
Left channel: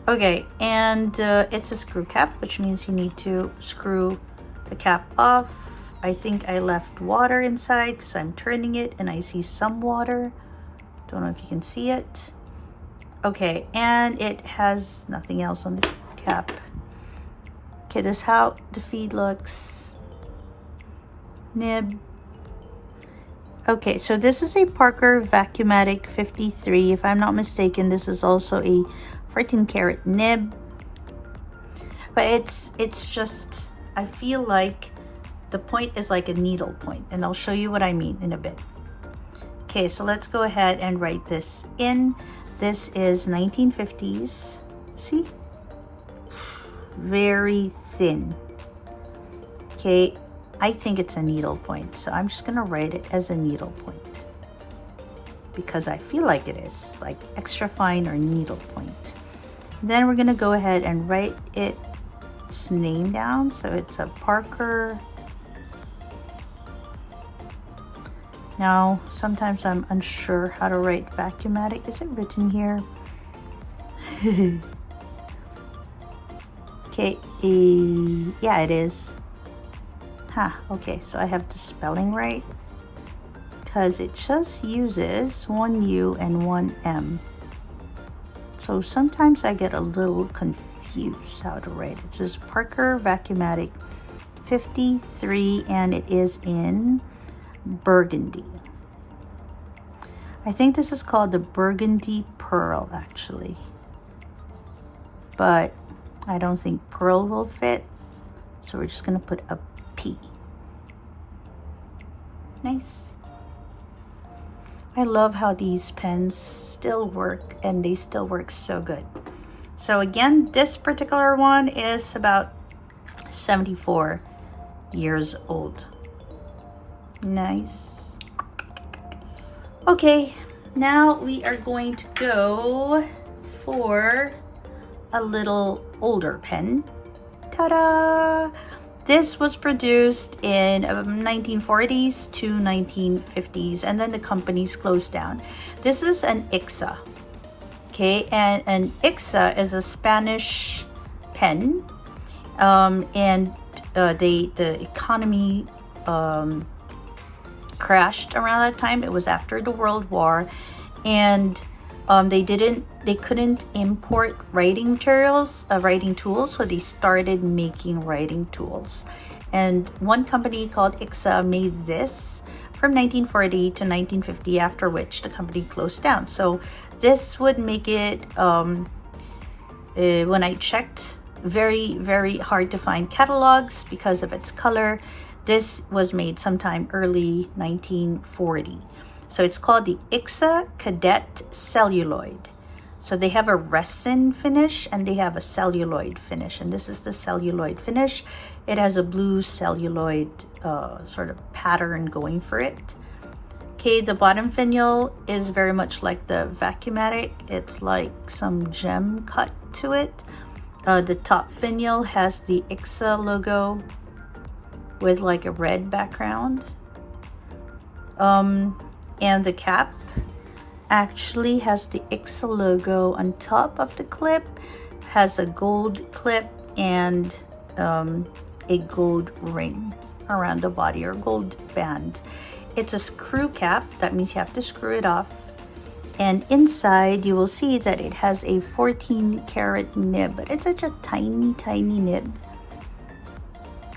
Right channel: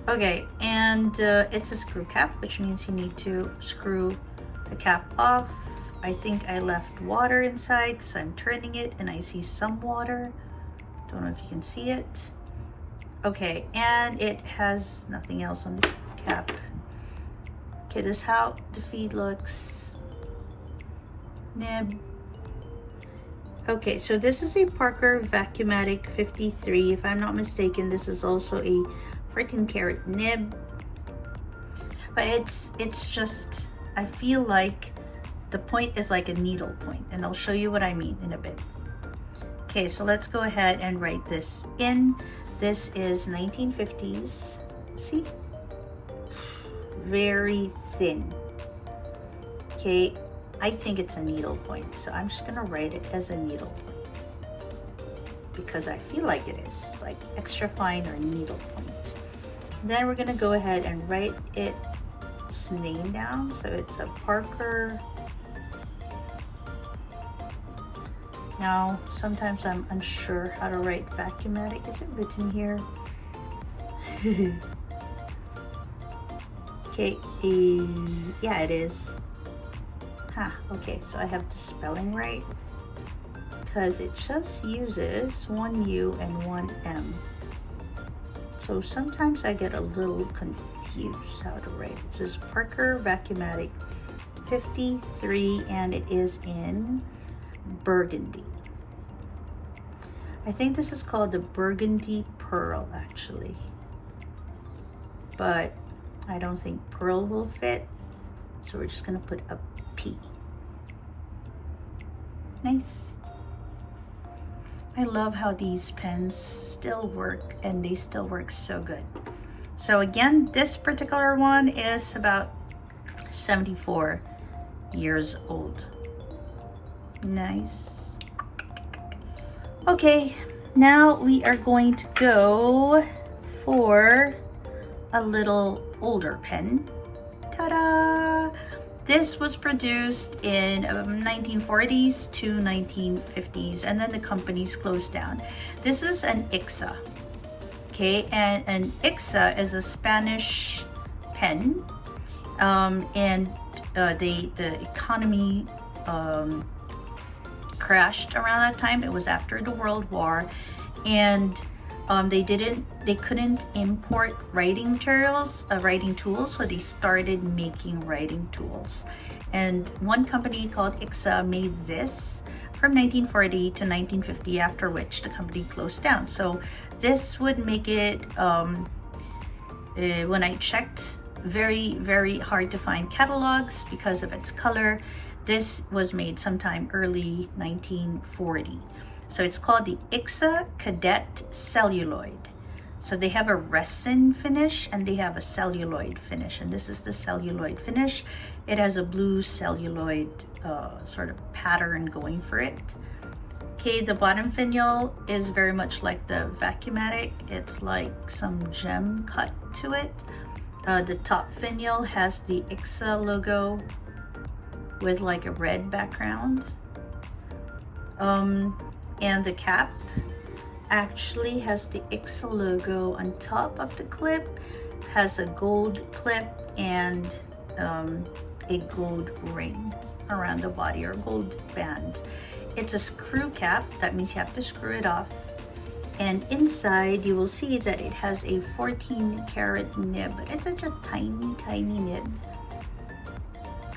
Okay, and it's a screw cap, which means you need to screw the cap off. I think I left water inside because I'm turning it and I see some water. Don't know if you can see it. Okay, and it has nothing else on the cap. Okay, this is how the feed looks. Nib. Okay, so this is a Parker Vacuumatic 53. If I'm not mistaken, this is also a 14 karat nib. But it's just, I feel like the point is like a needle point, and I'll show you what I mean in a bit. Okay, so let's go ahead and write this in. This is 1950s. See? Very thin. Okay, I think it's a needle point, so I'm just gonna write it as a needle point because I feel like it is, like extra fine or needle point. Then we're gonna go ahead and write its name down. So it's a Parker. Now, sometimes I'm unsure how to write Vacuumatic. Is it written here? Okay, yeah, it is. Okay, so I have the spelling right because it just uses one U and one M. So sometimes I get a little confused how to write it. It says Parker Vacuumatic 53 and it is in burgundy. I think this is called the burgundy pearl actually, but I don't think pearl will fit, so we're just gonna put a P. Nice. I love how these pens still work, and they still work so good. So again, this particular one is about 74 years old. Nice. Okay, now we are going to go for a little older pen. Ta-da! This was produced in 1940s to 1950s, and then the companies closed down. This is an ICSA, okay? And an ICSA is a Spanish pen, and the economy crashed around that time. It was after the World War, and they couldn't import writing materials, writing tools, so they started making writing tools. And one company called ICSA made this from 1940 to 1950, after which the company closed down. So this would make it, when I checked, very, very hard to find catalogs because of its color. This was made sometime early 1940. So it's called the ICSA Cadet Celluloid. So they have a resin finish and they have a celluloid finish. And this is the celluloid finish. It has a blue celluloid sort of pattern going for it. Okay, the bottom finial is very much like the Vacuumatic. It's like some gem cut to it. The top finial has the ICSA logo with like a red background. And the cap actually has the ICSA logo on top of the clip, has a gold clip and a gold ring around the body, or gold band. It's a screw cap, that means you have to screw it off. And inside you will see that it has a 14 karat nib, but it's such a tiny, tiny nib.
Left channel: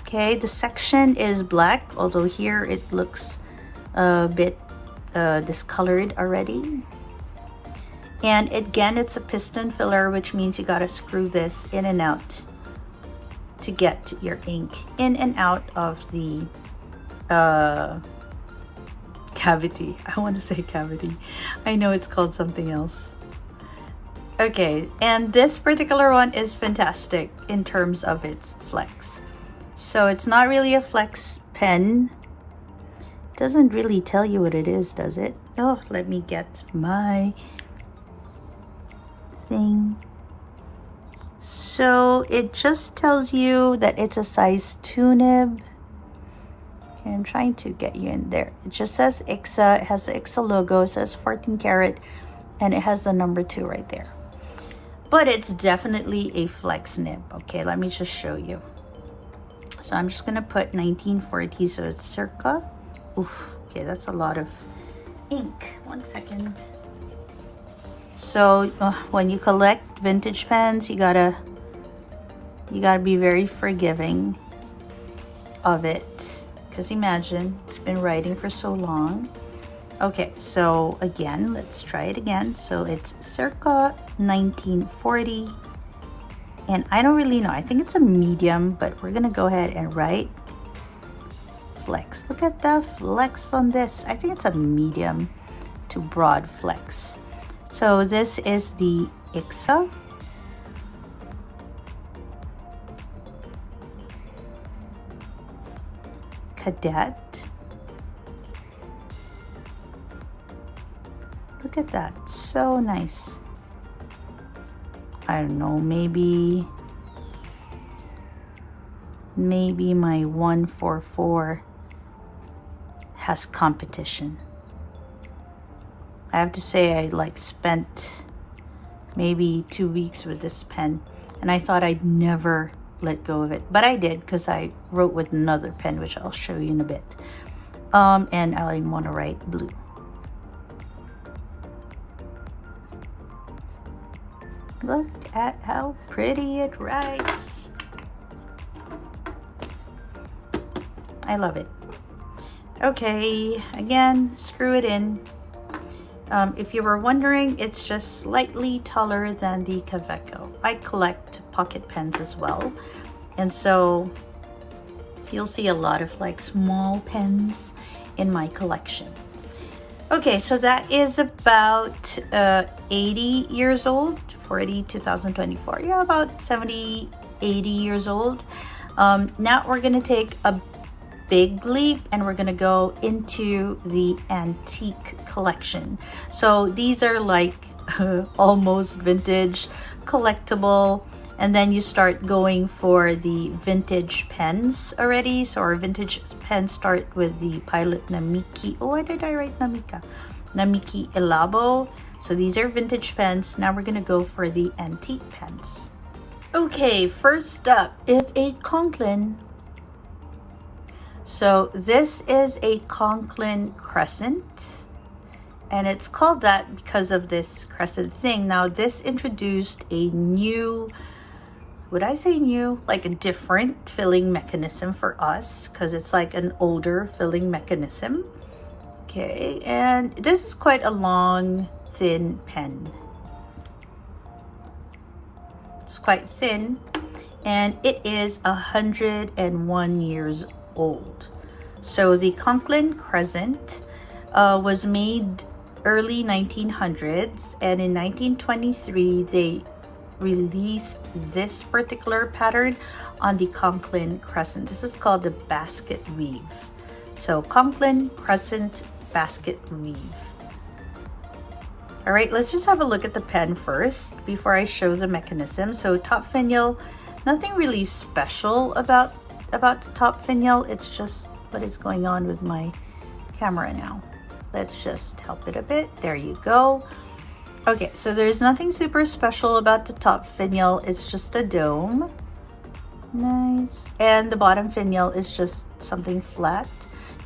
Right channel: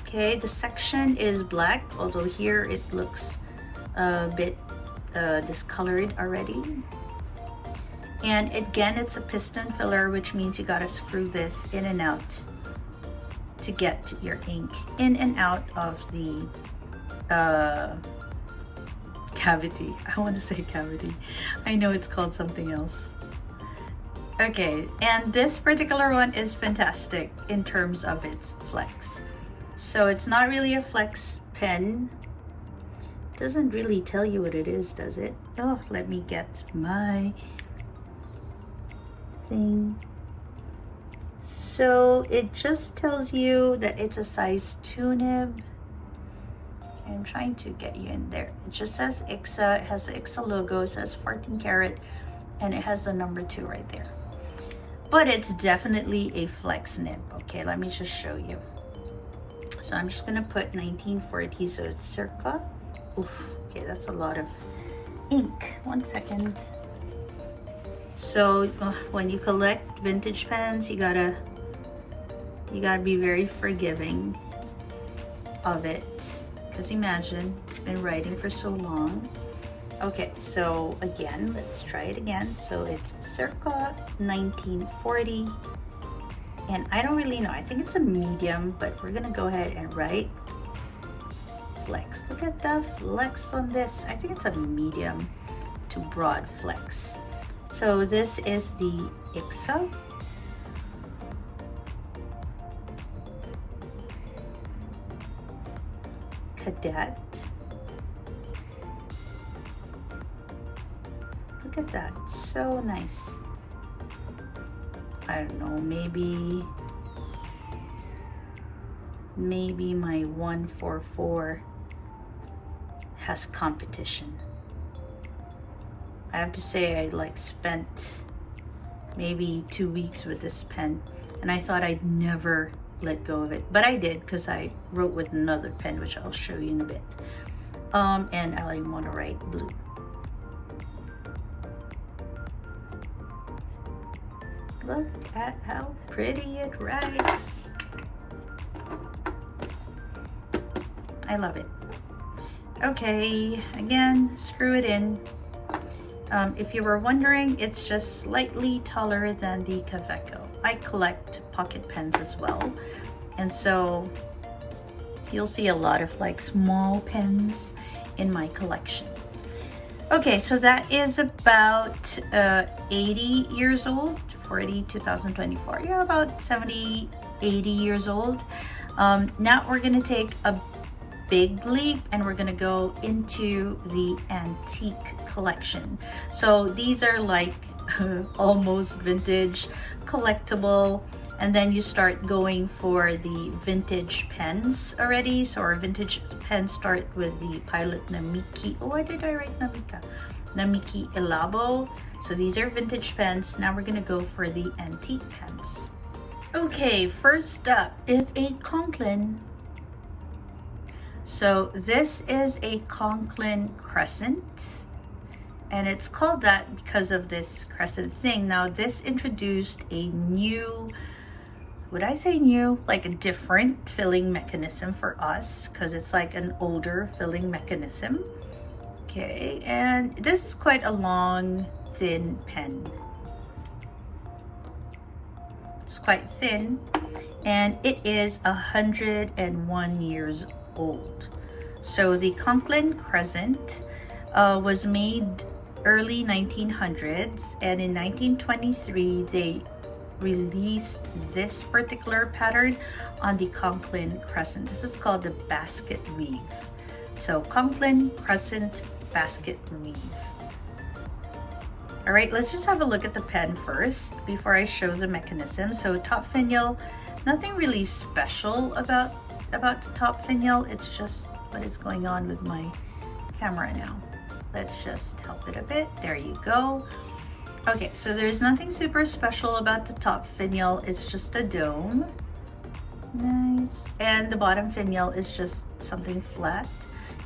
Okay, the section is black, although here it looks a bit discolored already. And again, it's a piston filler, which means you gotta screw this in and out to get your ink in and out of the cavity. I want to say cavity. I know it's called something else. Okay, and this particular one is fantastic in terms of its flex. So it's not really a flex pen. Doesn't really tell you what it is, does it? Oh, let me get my thing. So it just tells you that it's a size 2 nib. Okay, I'm trying to get you in there. It just says ICSA. It has the ICSA logo. It says 14 karat, and it has the number 2 right there. But it's definitely a flex nib. Okay, let me just show you. So I'm just gonna put 1940, so it's circa. Oof, okay, that's a lot of ink. 1 second. So when you collect vintage pens, you gotta be very forgiving of it, because imagine it's been writing for so long. Okay, so again, let's try it again. So it's circa 1940, and I don't really know, I think it's a medium, but we're gonna go ahead and write flex. Look at the flex on this. I think it's a medium to broad flex. So this is the ICSA. Cadet. Look at that, so nice. I don't know, maybe my 144 has competition. I have to say, I like spent maybe 2 weeks with this pen, and I thought I'd never let go of it, but I did, because I wrote with another pen, which I'll show you in a bit. And I want to write blue. Look at how pretty it writes. I love it. Okay, again, screw it in. If you were wondering, it's just slightly taller than the Kaweco. I collect pocket pens as well, and so you'll see a lot of like small pens in my collection. Okay, so that is about 80 years old, 40, 2024. Yeah, about 70, 80 years old. Now we're gonna take a big leap, and we're gonna go into the antique collection. So these are like almost vintage, collectible, and then you start going for the vintage pens already. So our vintage pens start with the Pilot Namiki. Oh, why did I write Namika? Namiki Elabo. So these are vintage pens. Now we're gonna go for the antique pens. Okay, first up is a Conklin. So this is a Conklin crescent, and it's called that because of this crescent thing. Now this introduced a new, would I say new? Like a different filling mechanism for us, because it's like an older filling mechanism. Okay, and this is quite a long, thin pen. It's quite thin, and it is 101 years old. So the Conklin Crescent was made early 1900s, and in 1923 they released this particular pattern on the Conklin Crescent. This is called the basket weave. So Conklin Crescent basket weave. All right, let's just have a look at the pen first before I show the mechanism. So top finial, nothing really special about the top finial. It's just what is going on with my camera now. Let's just help it a bit. There you go. Okay, so there's nothing super special about the top finial. It's just a dome. Nice. And the bottom finial is just something flat.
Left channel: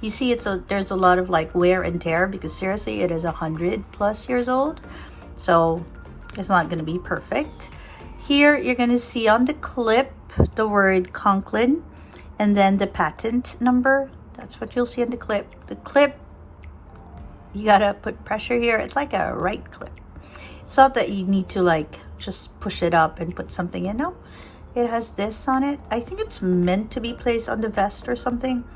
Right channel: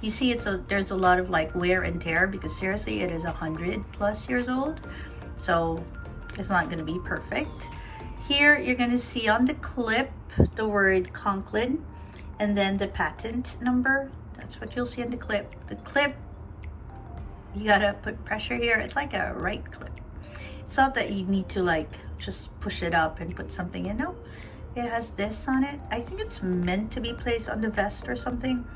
You see, there's a lot of like wear and tear, because seriously, it is 100+ years old. So it's not going to be perfect. Here, you're going to see on the clip the word Conklin, and then the patent number. That's what you'll see in the clip. The clip, you gotta put pressure here. It's like a right clip. It's not that you need to like just push it up and put something in. No, it has this on it. I think it's meant to be placed on the vest or something.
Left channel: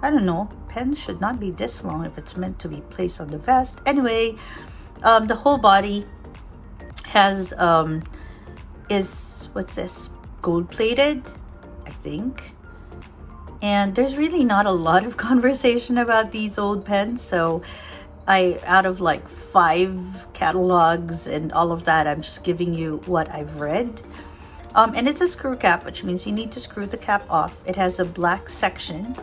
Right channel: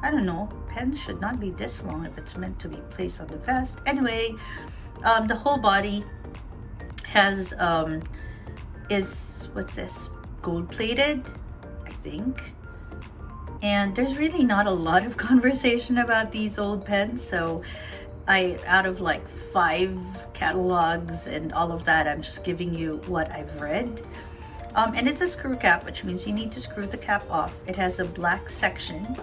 I don't know. Pens should not be this long if it's meant to be placed on the vest. Anyway, the whole body has is, what's this, gold plated, I think. And there's really not a lot of conversation about these old pens, so out of like 5 catalogs and all of that, I'm just giving you what I've read. And it's a screw cap, which means you need to screw the cap off. It has a black section,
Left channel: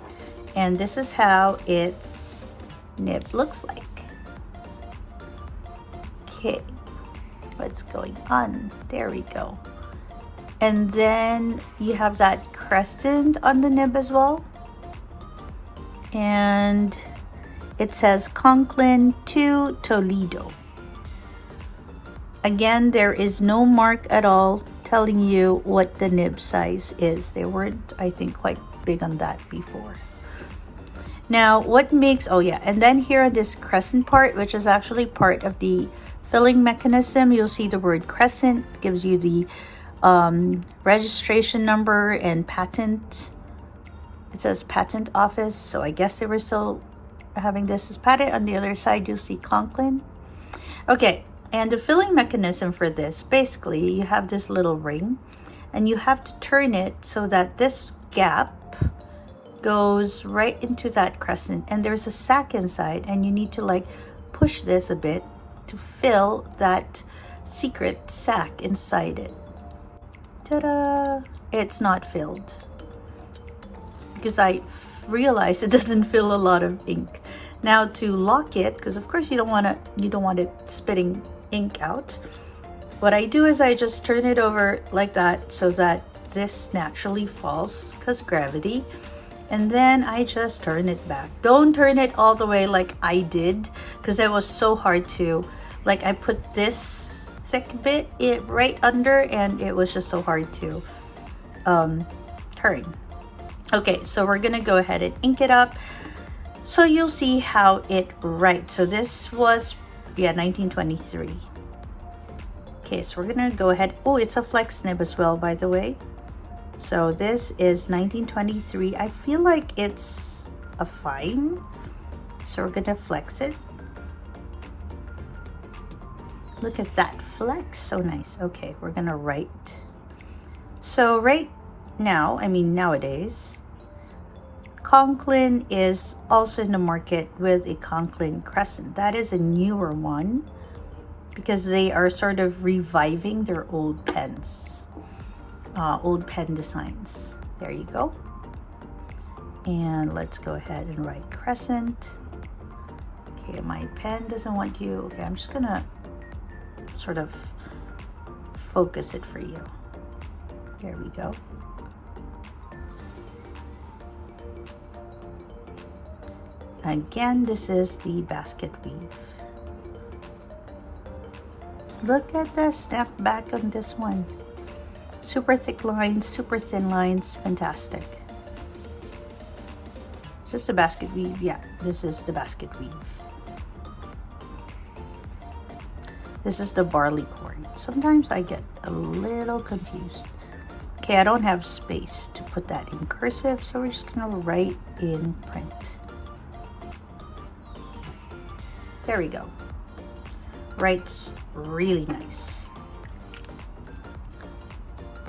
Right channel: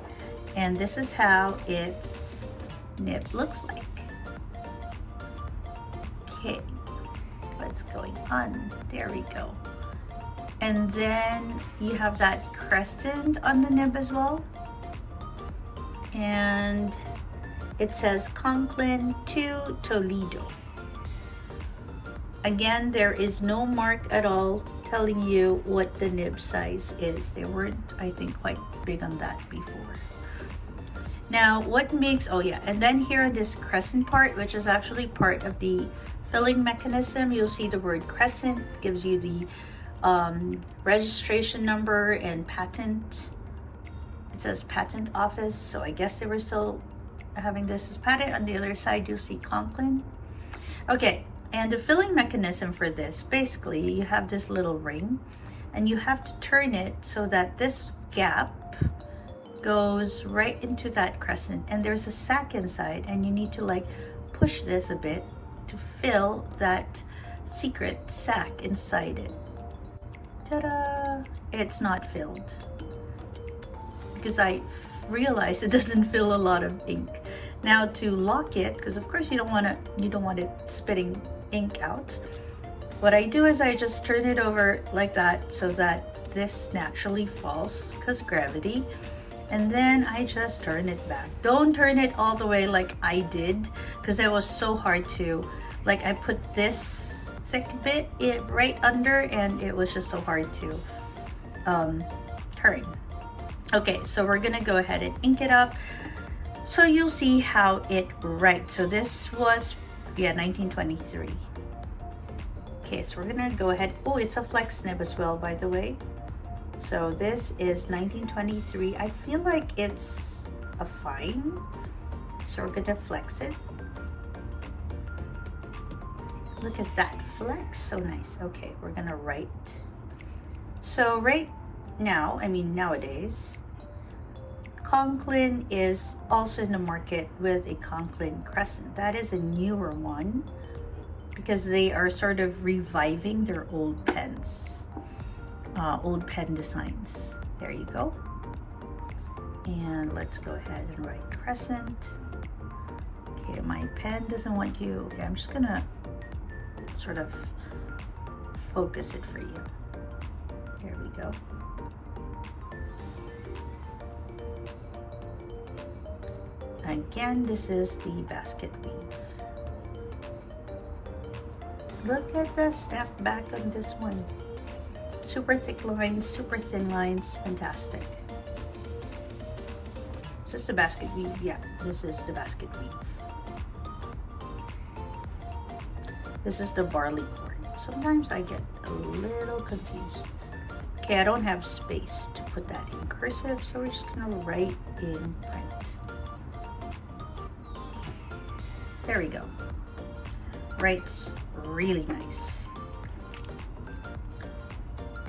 and this is how its nib looks like. Okay, what's going on? There we go. And then you have that crescent on the nib as well. And it says Conklin to Toledo. Again, there is no mark at all telling you what the nib size is. They weren't, I think, quite big on that before. Now, what makes, oh yeah, and then here this crescent part, which is actually part of the filling mechanism, you'll see the word crescent, gives you the registration number and patent. It says patent office, so I guess they were still having this as patent. On the other side, you'll see Conklin. Okay, and the filling mechanism for this, basically, you have this little ring, and you have to turn it so that this gap goes right into that crescent, and there's a sack inside, and you need to like push this a bit to fill that secret sack inside it. Ta-da! It's not filled because I realized it doesn't fill a lot of ink. Now to lock it, because of course you don't want it spitting ink out, what I do is I just turn it over like that so that this naturally falls because gravity, and then I just turn it back. Don't turn it all the way like I did, because it was so hard to, like, I put this thick bit right under, and it was just so hard to turn. Okay, so we're gonna go ahead and ink it up so you'll see how it writes. So this was, yeah, 1923. Okay, so we're gonna go ahead. Oh, it's a flex nib as well, by the way. So this is 1923. I feel like it's a fine, so we're gonna flex it. Look at that flex, so nice. Okay, we're gonna write. So right now, I mean nowadays, Conklin is also in the market with a Conklin Crescent. That is a newer one because they are sort of reviving their old pens, old pen designs. There you go. And let's go ahead and write Crescent. Okay, my pen doesn't want you. Okay, I'm just gonna sort of focus it for you. There we go. Again, this is the basket weave. Look at the snap back on this one. Super thick lines, super thin lines, fantastic. Is this the basket weave? Yeah, this is the basket weave. This is the barley corn. Sometimes I get a little confused. Okay, I don't have space to put that in cursive, so we're just gonna write in print. There we go. Writes really nice.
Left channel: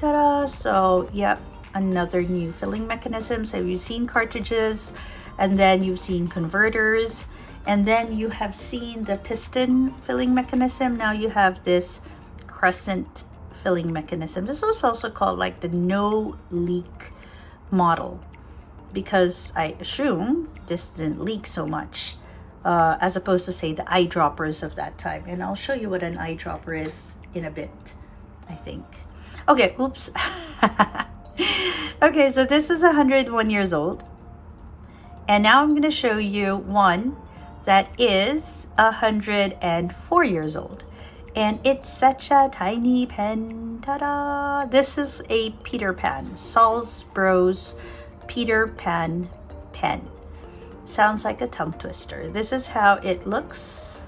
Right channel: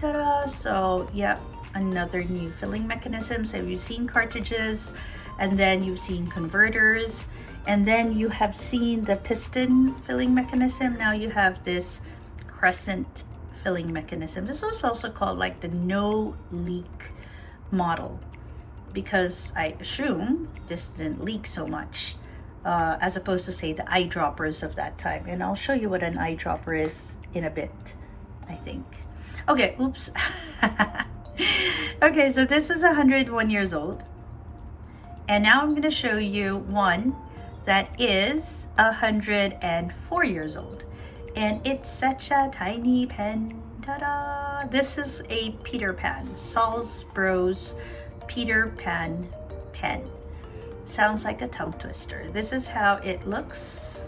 Ta-da! So, yep, another new filling mechanism. So you've seen cartridges, and then you've seen converters, and then you have seen the piston filling mechanism. Now you have this crescent filling mechanism. This was also called like the no leak model, because I assume this didn't leak so much. As opposed to, say, the eyedroppers of that time. And I'll show you what an eyedropper is in a bit, I think. Okay, oops. Okay, so this is 101 years old. And now I'm going to show you one that is 104 years old. And it's such a tiny pen. Ta-da! This is a Peter Pan, Salz Bros Peter Pan pen. Sounds like a tongue twister. This is how it looks.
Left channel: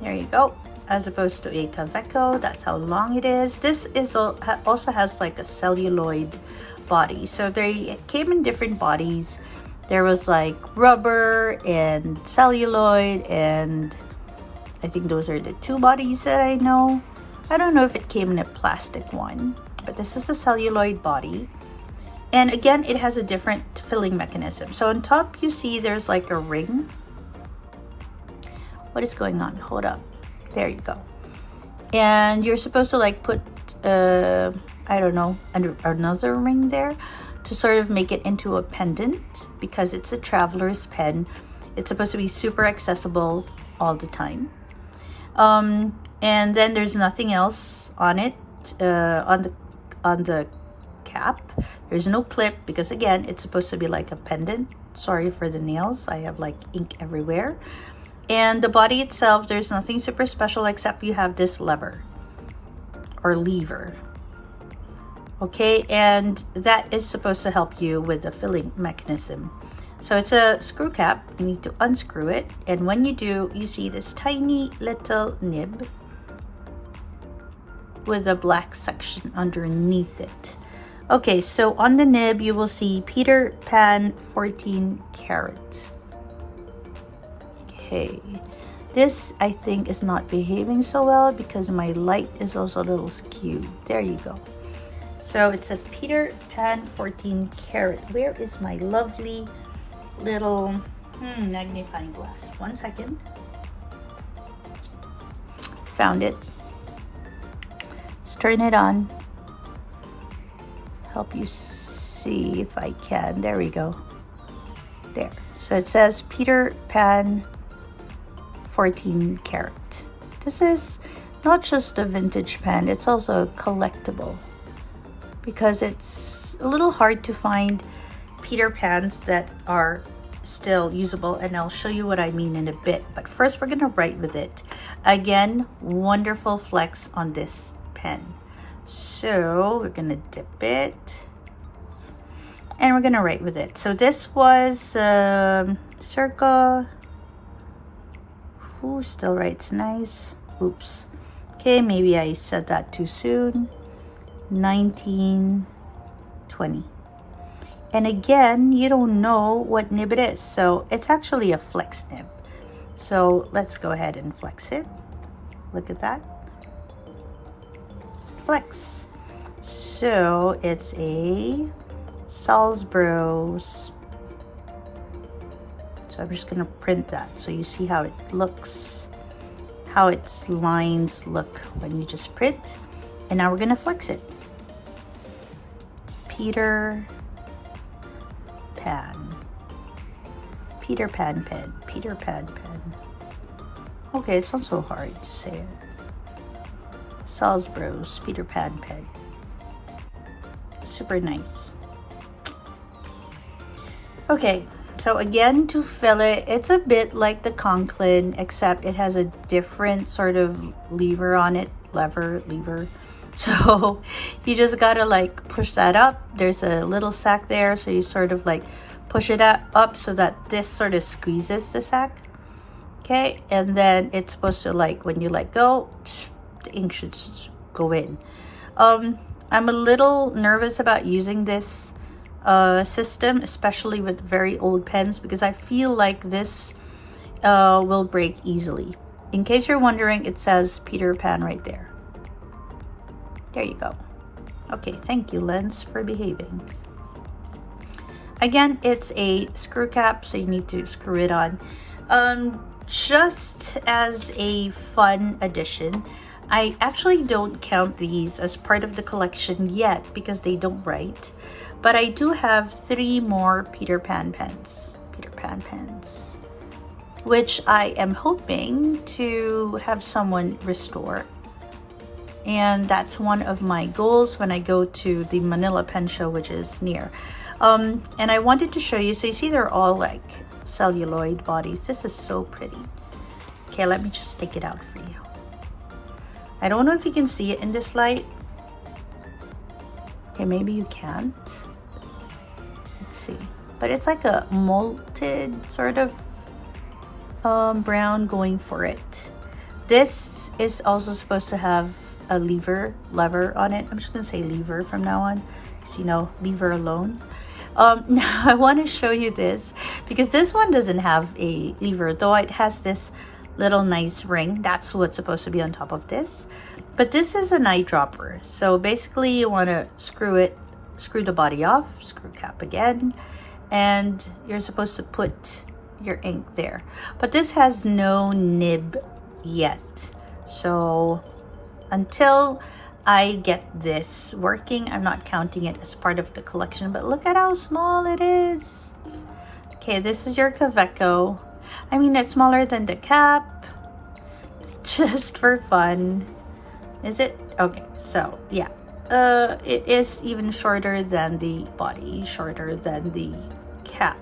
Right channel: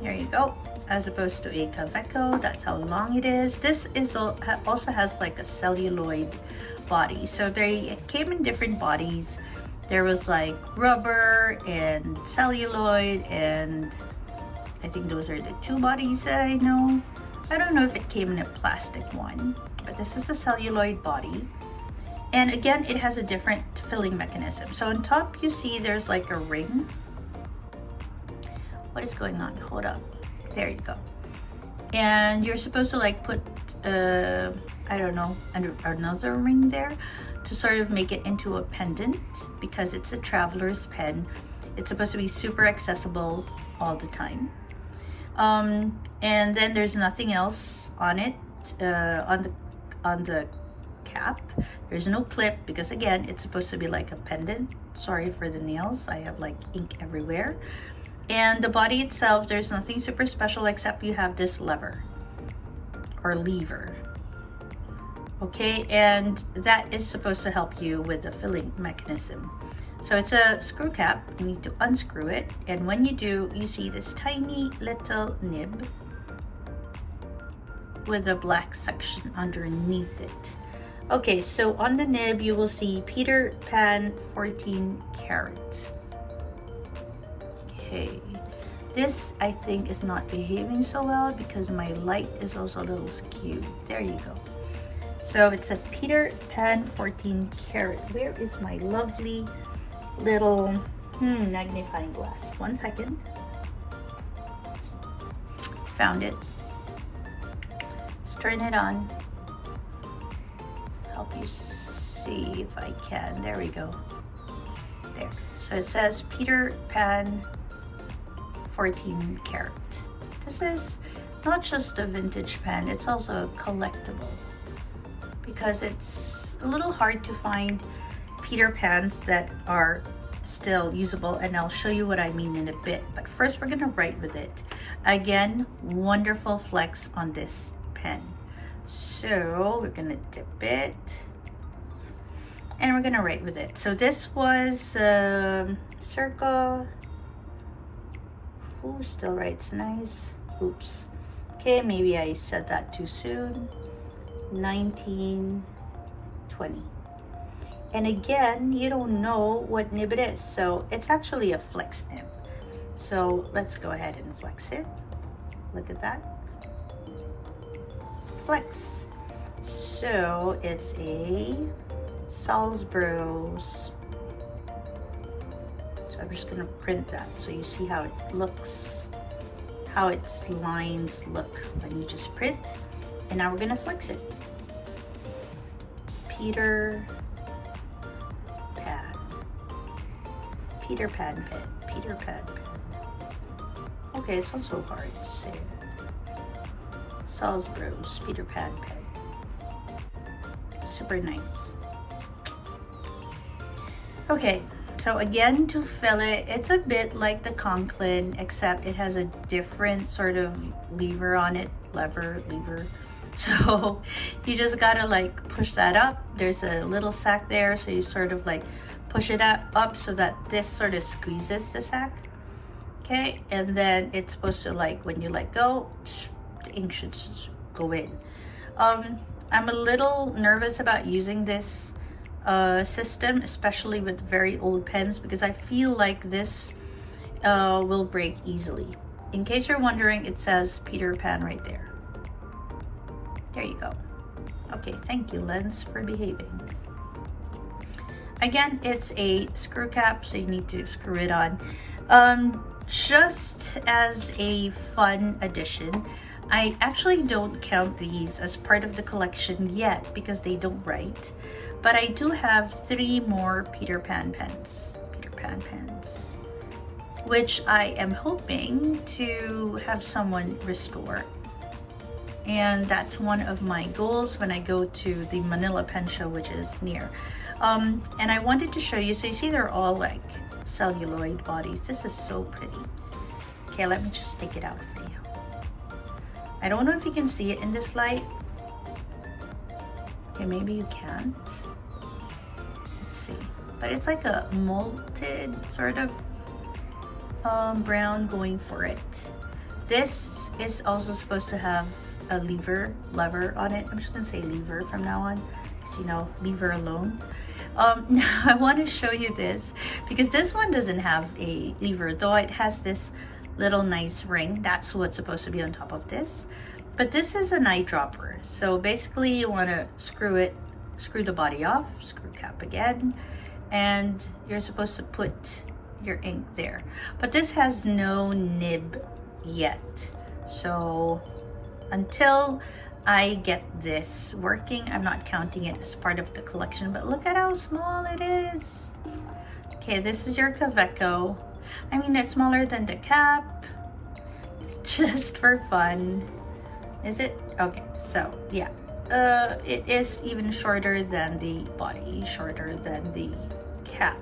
There you go. As opposed to a Kaweco, that's how long it is. This is also has like a celluloid body. So they came in different bodies. There was like rubber and celluloid, and I think those are the two bodies that I know. I don't know if it came in a plastic one, but this is a celluloid body. And again, it has a different filling mechanism. So on top, you see there's like a ring. What is going on? Hold up. There you go. And you're supposed to like put, I don't know, another ring there to sort of make it into a pendant, because it's a traveler's pen. It's supposed to be super accessible all the time. And then there's nothing else on it, on the cap. There's no clip, because again, it's supposed to be like a pendant. Sorry for the nails, I have like ink everywhere. And the body itself, there's nothing super special except you have this lever or lever. Okay, and that is supposed to help you with the filling mechanism. So it's a screw cap. You need to unscrew it, and when you do, you see this tiny little nib with a black section underneath it. Okay, so on the nib you will see Peter Pan 14 karat. Okay, this I think is not behaving so well because my light is also a little skewed. There you go. So it's a Peter Pan 14 karat. Where is my lovely little magnifying glass? 1 second. Found it. Let's turn it on. Help you see if I can. There we go. There. So it says Peter Pan 14 karat. This is not just a vintage pen, it's also a collectible, because it's a little hard to find Peter Pans that are still usable, and I'll show you what I mean in a bit. But first we're gonna write with it. Again, wonderful flex on this pen. So we're gonna dip it and we're gonna write with it. So this was circa, who still writes nice? Oops. Okay, maybe I said that too soon. 1920. And again, you don't know what nib it is, so it's actually a flex nib. So let's go ahead and flex it. Look at that. Flex. So it's a Salz Bros. So I'm just gonna print that so you see how it looks, how its lines look when you just print. And now we're gonna flex it. Peter Pan. Peter Pan pen. Peter Pan pen. Okay, it's not so hard to say it. Salz Bros Peter Pan pen. Super nice. Okay, so again, to fill it, it's a bit like the Conklin, except it has a different sort of lever on it. Lever. So you just gotta like push that up. There's a little sack there, so you sort of like push it up so that this sort of squeezes the sack. Okay, and then it's supposed to, like, when you let go, the ink should go in. I'm a little nervous about using this system, especially with very old pens, because I feel like this will break easily. In case you're wondering, it says Peter Pan right there. There you go. Okay, thank you, lens, for behaving. Again, it's a screw cap, so you need to screw it on. Just as a fun addition, I actually don't count these as part of the collection yet because they don't write, but I do have 3 more Peter Pan pens, which I am hoping to have someone restore. And that's one of my goals when I go to the Manila Pen Show, which is near. And I wanted to show you, so you see they're all like celluloid bodies. This is so pretty. Okay, let me just take it out for you. I don't know if you can see it in this light. Okay, maybe you can't. Let's see. But it's like a malted sort of brown going for it. This is also supposed to have a lever on it. I'm just gonna say lever from now on, because you know, lever alone. Now I want to show you this because this one doesn't have a lever, though it has this little nice ring. That's what's supposed to be on top of this. But this is an eyedropper. So basically you want to screw the body off, screw cap again, and you're supposed to put your ink there. But this has no nib yet. So until I get this working, I'm not counting it as part of the collection. But look at how small it is. Okay, this is your Kaweco. I mean, it's smaller than the cap, just for fun. Is it? Okay, so yeah, it is even shorter than the body, shorter than the cap.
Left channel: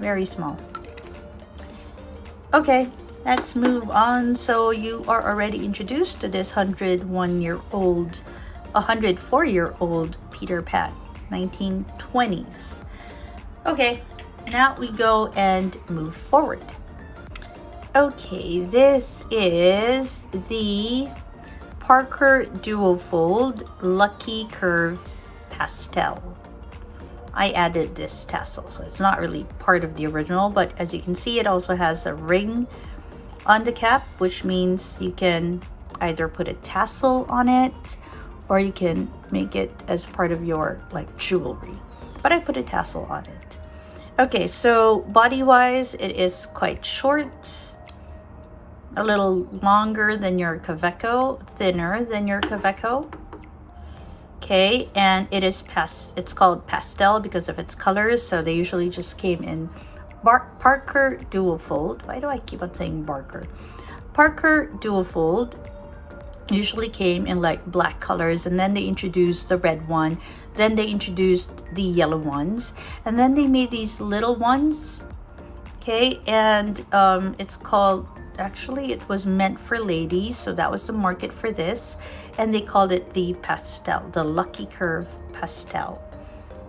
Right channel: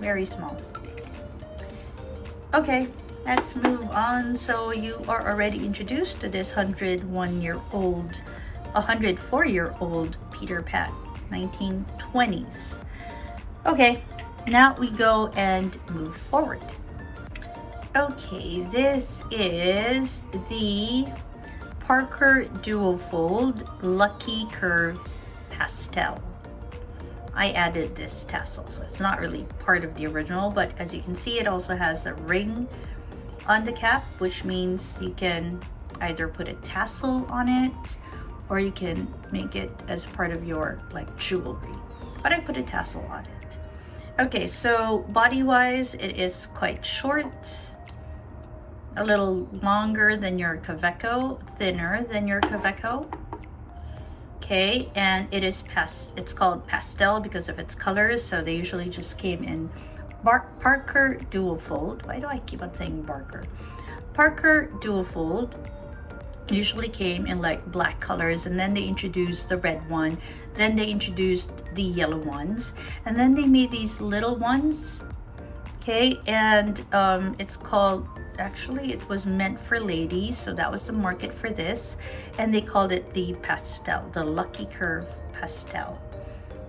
Very small. Okay, let's move on. So you are already introduced to this 104-year-old Peter Pan, 1920s. Okay, now we go and move forward. Okay, this is the Parker Duofold Lucky Curve Pastel. I added this tassel, so it's not really part of the original, but as you can see, it also has a ring on the cap, which means you can either put a tassel on it or you can make it as part of your like jewelry. But I put a tassel on it. Okay, so body-wise, it is quite short, a little longer than your Kaweco, thinner than your Kaweco. Okay, and it is it's called pastel because of its colors, so they usually just came in Parker Duofold. Why do I keep on saying Barker? Parker Duofold usually came in like black colors, and then they introduced the red one, then they introduced the yellow ones, and then they made these little ones. Okay, and it's called, actually it was meant for ladies, so that was the market for this, and they called it the pastel, the Lucky Curve Pastel.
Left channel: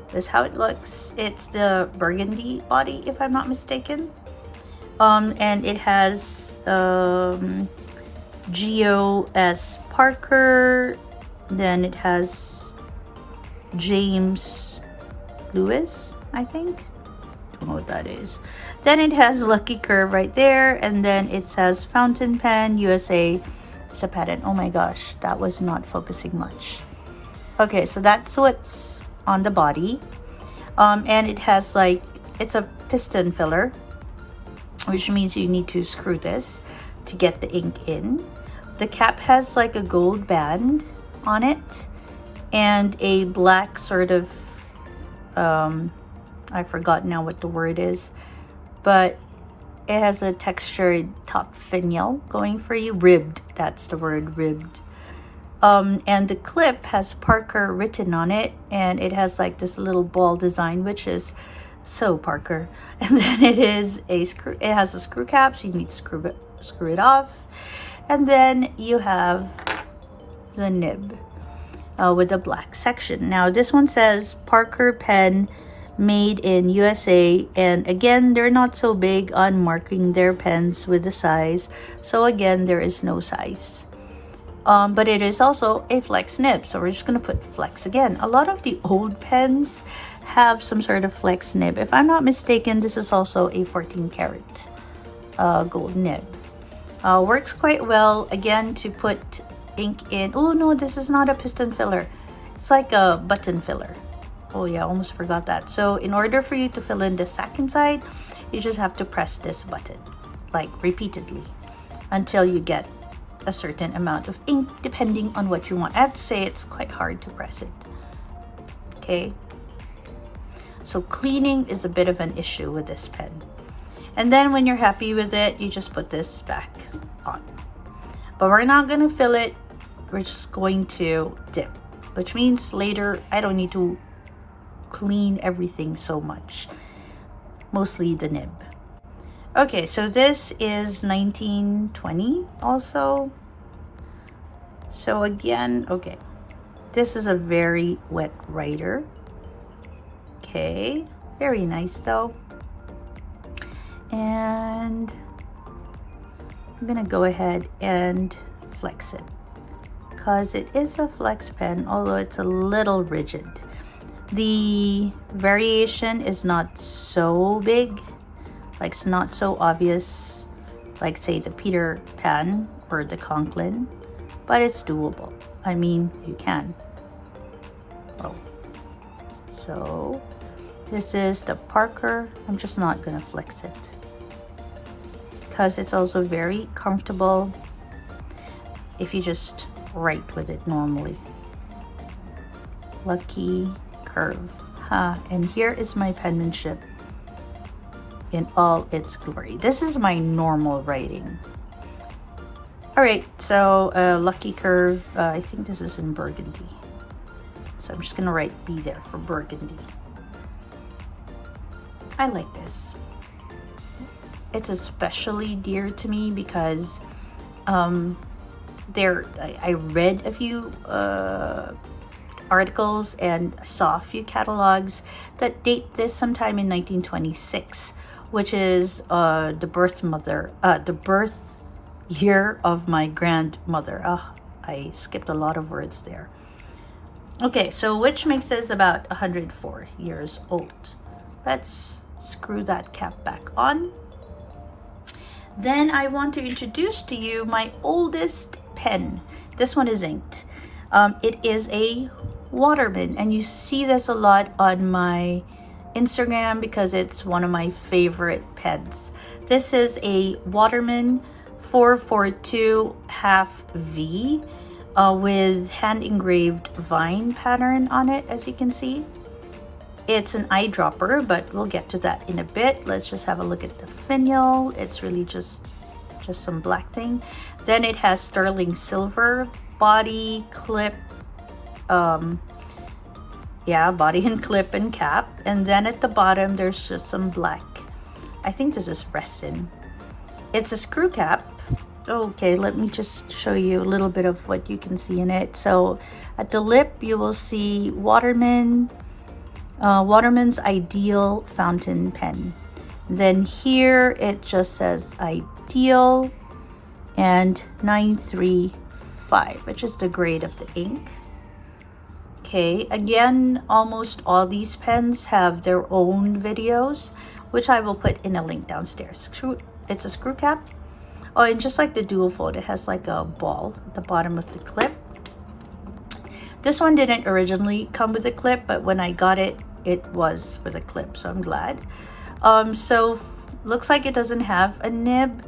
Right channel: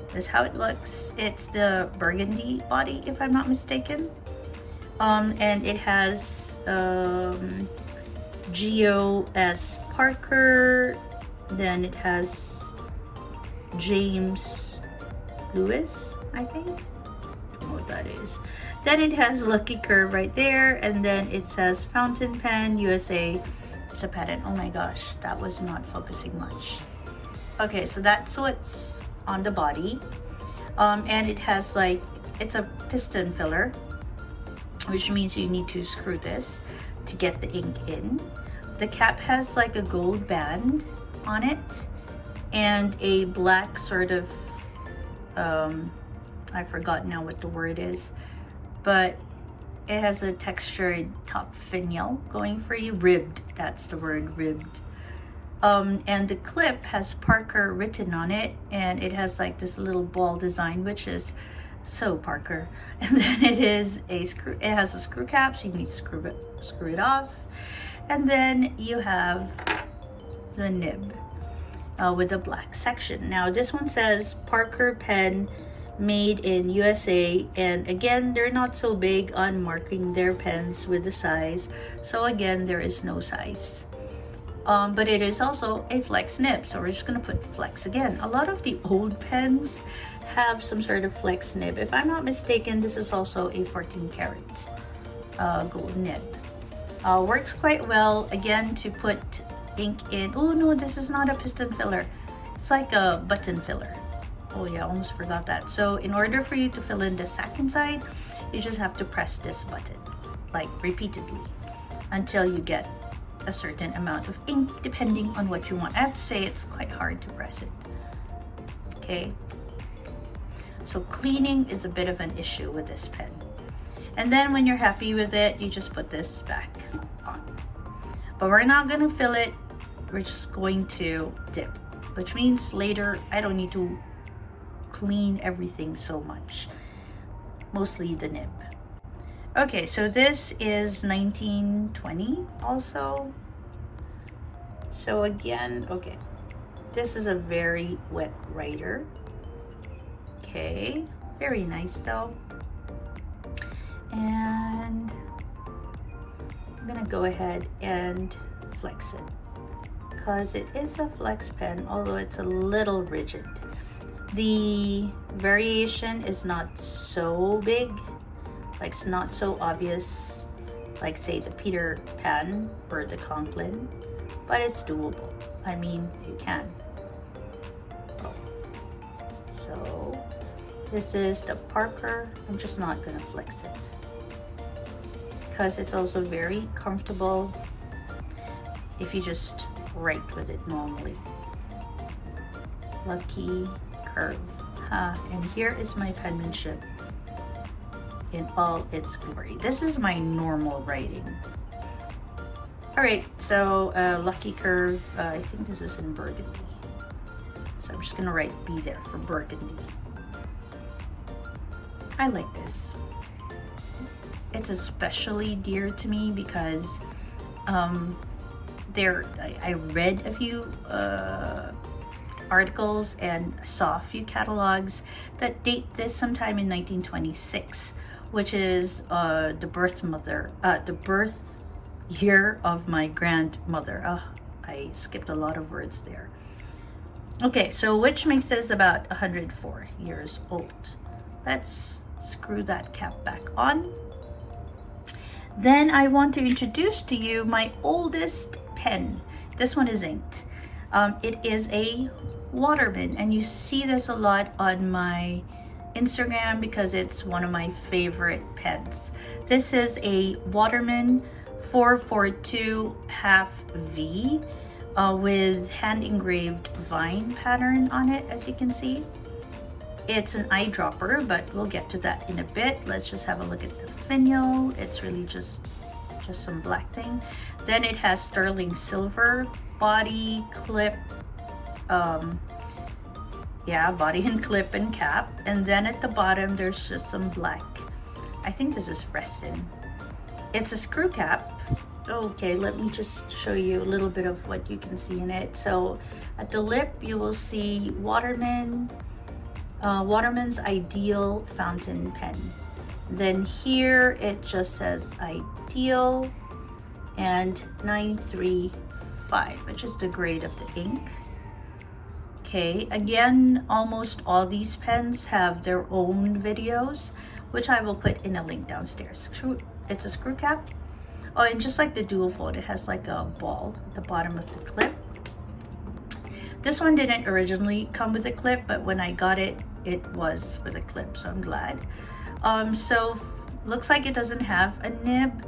This is how it looks. It's the burgundy body, if I'm not mistaken, and it has G.O.S. Parker, then it has James Lewis, I think. I don't know what that is. Then it has Lucky Curve right there, and then it says Fountain Pen USA. It's a patent. Oh my gosh, that was not focusing much. Okay, so that's what's on the body, and it has like, it's a piston filler, which means you need to screw this to get the ink in. The cap has like a gold band on it and a black sort of I forgot now what the word is, but it has a textured top finial going for you. Ribbed, that's the word, ribbed. And the clip has Parker written on it, and it has like this little ball design, which is so Parker. And then it is a screw, it has a screw cap, so you need to screw it off. And then you have the nib with a black section. Now this one says Parker pen made in USA, and again, they're not so big on marking their pens with the size, so again, there is no size. But it is also a flex nib, so we're just gonna put flex again. A lot of the old pens have some sort of flex nib. If I'm not mistaken, this is also a 14 karat gold nib. Works quite well, again, to put ink in. Oh no, this is not a piston filler. It's like a button filler. Oh yeah, almost forgot that. So in order for you to fill in the sack inside, you just have to press this button, like repeatedly, until you get a certain amount of ink, depending on what you want. I have to say, it's quite hard to press it. Okay. So cleaning is a bit of an issue with this pen. And then when you're happy with it, you just put this back on. But we're not gonna fill it, we're just going to dip, which means later I don't need to clean everything so much, mostly the nib. Okay, so this is 1920 also. So again, okay, this is a very wet writer. Okay, very nice though. And I'm gonna go ahead and flex it because it is a flex pen, although it's a little rigid. The variation is not so big, like it's not so obvious, like say the Peter Pan or the Conklin, but it's doable. I mean, you can. Oh. So this is the Parker. I'm just not gonna flex it because it's also very comfortable if you just write with it normally. Lucky Curve. And here is my penmanship in all its glory. This is my normal writing. Alright, so Lucky Curve, I think this is in burgundy. So I'm just gonna write B there for burgundy. I like this. it's especially dear to me because I read a few articles and saw a few catalogs that date this sometime in 1926, which is the birth year of my grandmother. I skipped a lot of words there. Okay, so which makes this about 104 years old. Let's screw that cap back on. Then I want to introduce to you my oldest pen. This one is inked. It is a Waterman, and you see this a lot on my Instagram because it's one of my favorite pens. This is a Waterman 442 half V with hand engraved vine pattern on it, as you can see. It's an eyedropper, but we'll get to that in a bit. Let's just have a look at the finial. It's really just some black thing. Then it has sterling silver body, clip, body and clip and cap. And then at the bottom, there's just some black. I think this is resin. It's a screw cap. Okay, let me just show you a little bit of what you can see in it. So at the lip, you will see Waterman's Ideal fountain pen. Then here it just says Ideal and 935, which is the grade of the ink. Okay, again, almost all these pens have their own videos, which I will put in a link downstairs. It's a screw cap. Oh, and just like the dual fold, it has like a ball at the bottom of the clip. This one didn't originally come with a clip, but when I got it, it was with a clip, so I'm glad. So looks like it doesn't have a nib.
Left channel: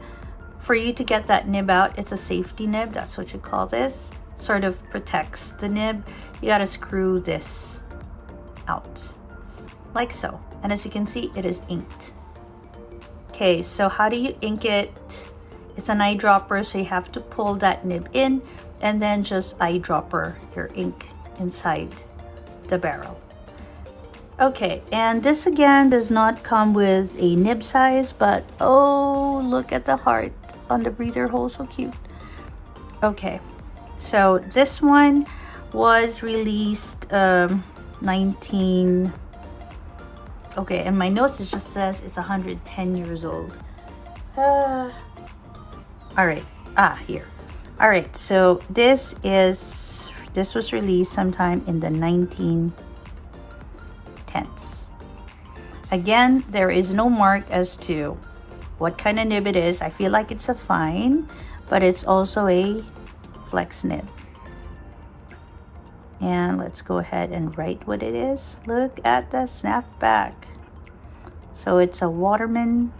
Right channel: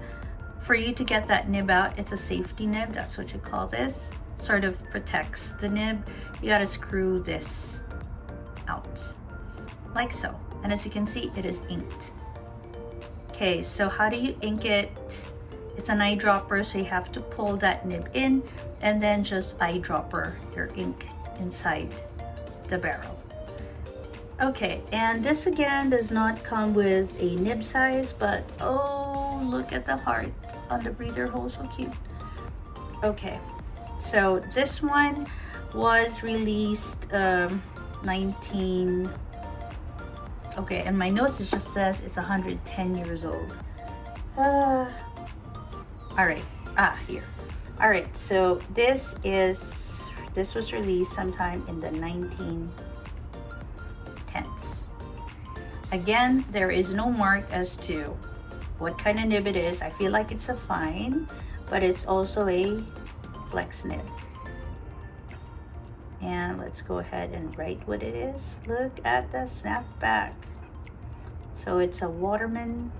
For you to get that nib out, it's a safety nib, that's what you call this. Sort of protects the nib. You gotta screw this out, like so. And as you can see, it is inked. Okay, so how do you ink it? It's an eyedropper, so you have to pull that nib in and then just eyedropper your ink inside the barrel. Okay, and this again does not come with a nib size, but oh, look at the heart on the breather hole, so cute. Okay, so this one was released okay, and my notes it just says it's 110 years old. All right, here. All right, so this was released sometime in the 1910s. Again, there is no mark as to what kind of nib it is. I feel like it's a fine, but it's also a flex nib. And let's go ahead and write what it is. Look at the snapback. So it's a Waterman.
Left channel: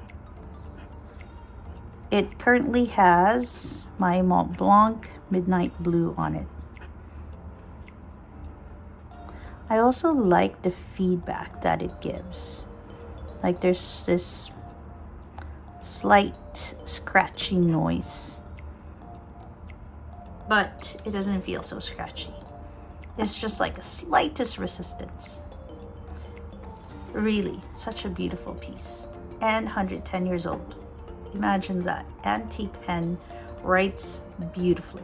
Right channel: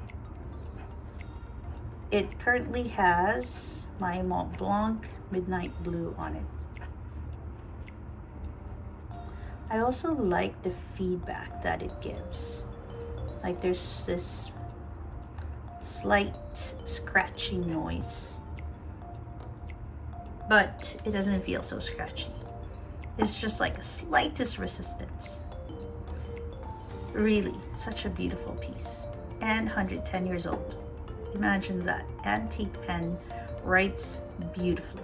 It currently has my Montblanc Midnight Blue on it. I also like the feedback that it gives. Like there's this slight scratchy noise, but it doesn't feel so scratchy. It's just like a slightest resistance. Really, such a beautiful piece. And 110 years old. Imagine that. Antique pen, writes beautifully.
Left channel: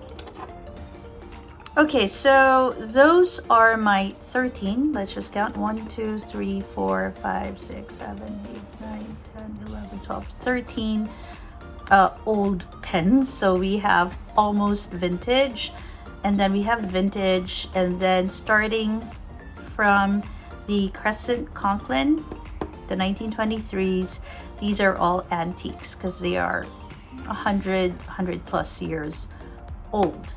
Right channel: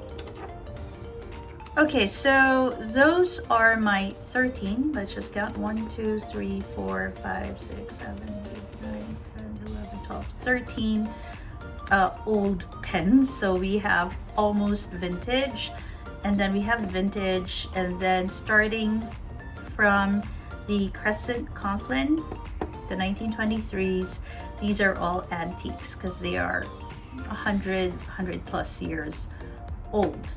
Okay, so those are my 13. Let's just count. 1, 2, 3, 4, 5, 6, 7, 8, 9, 10, 11, 12, 13 old pens. So we have almost vintage, and then we have vintage, and then starting from the Crescent Conklin, the 1923s, these are all antiques because they are 100 plus years old.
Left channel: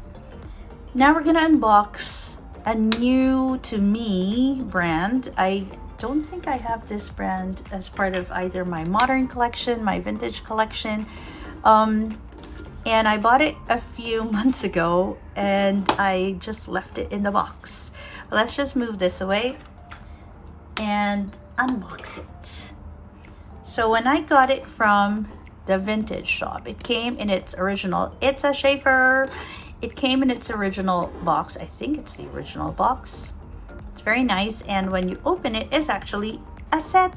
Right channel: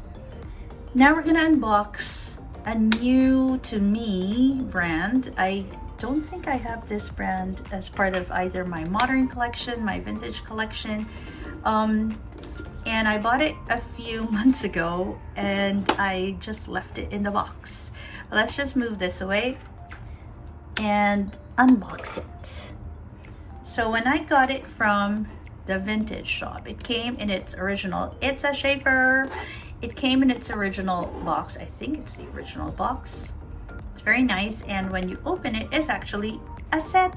Now we're gonna unbox a new to me brand. I don't think I have this brand as part of either my modern collection, my vintage collection. And I bought it a few months ago and I just left it in the box. Let's just move this away and unbox it. So when I got it from the vintage shop, it came in its original, it's a Schaefer. It came in its original box. I think it's the original box. It's very nice, and when you open it, it's actually a set.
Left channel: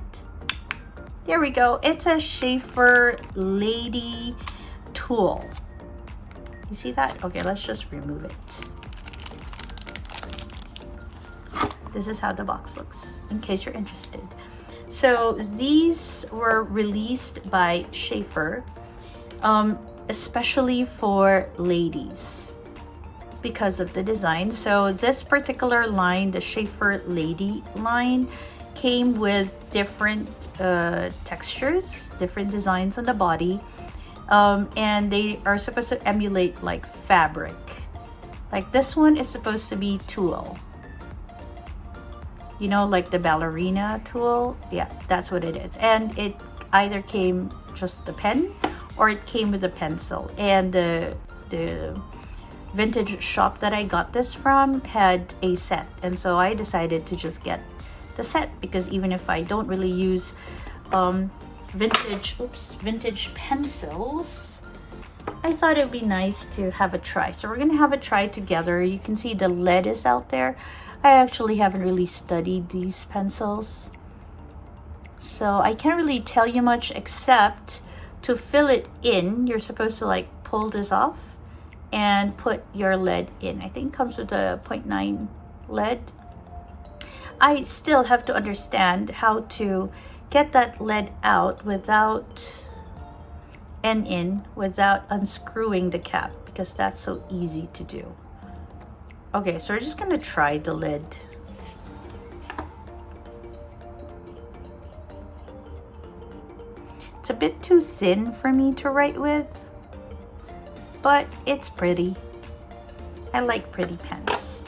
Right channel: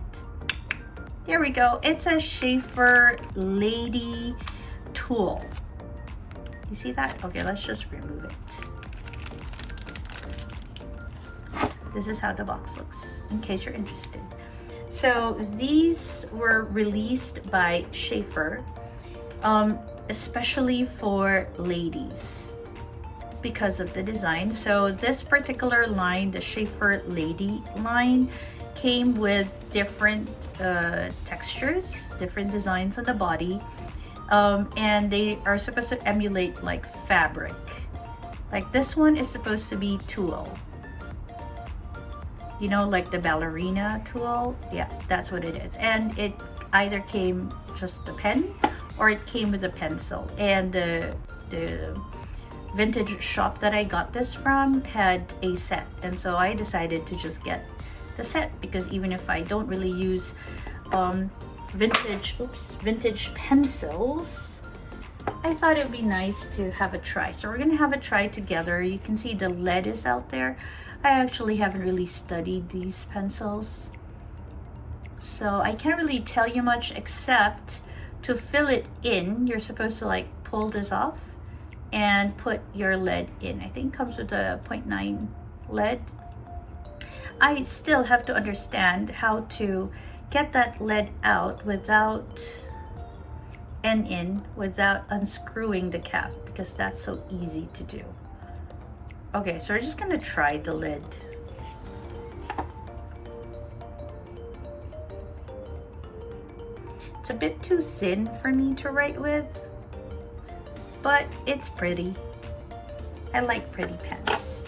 There we go. It's a Schaefer Lady tool. You see that? Okay, let's just remove it. This is how the box looks, in case you're interested. So these were released by Schaefer, especially for ladies because of the design. So this particular line, the Schaefer Lady line, came with different textures, different designs on the body, and they are supposed to emulate like fabric. Like this one is supposed to be tulle. You know, like the ballerina tulle? Yeah, that's what it is. And it either came just the pen or it came with a pencil. And the vintage shop that I got this from had a set. And so I decided to just get the set because even if I don't really use vintage pencils, I thought it'd be nice to have a try. So we're gonna have a try together. You can see the lead is out there. I actually haven't really studied these pencils, so I can't really tell you much except to fill it in, you're supposed to like pull this off and put your lead in. I think it comes with a 0.9 lead. I still have to understand how to get that lead out without without unscrewing the cap, because that's so easy to do. Okay, so we're just gonna try the lid. It's a bit too thin for me to write with, but it's pretty. I like pretty pens.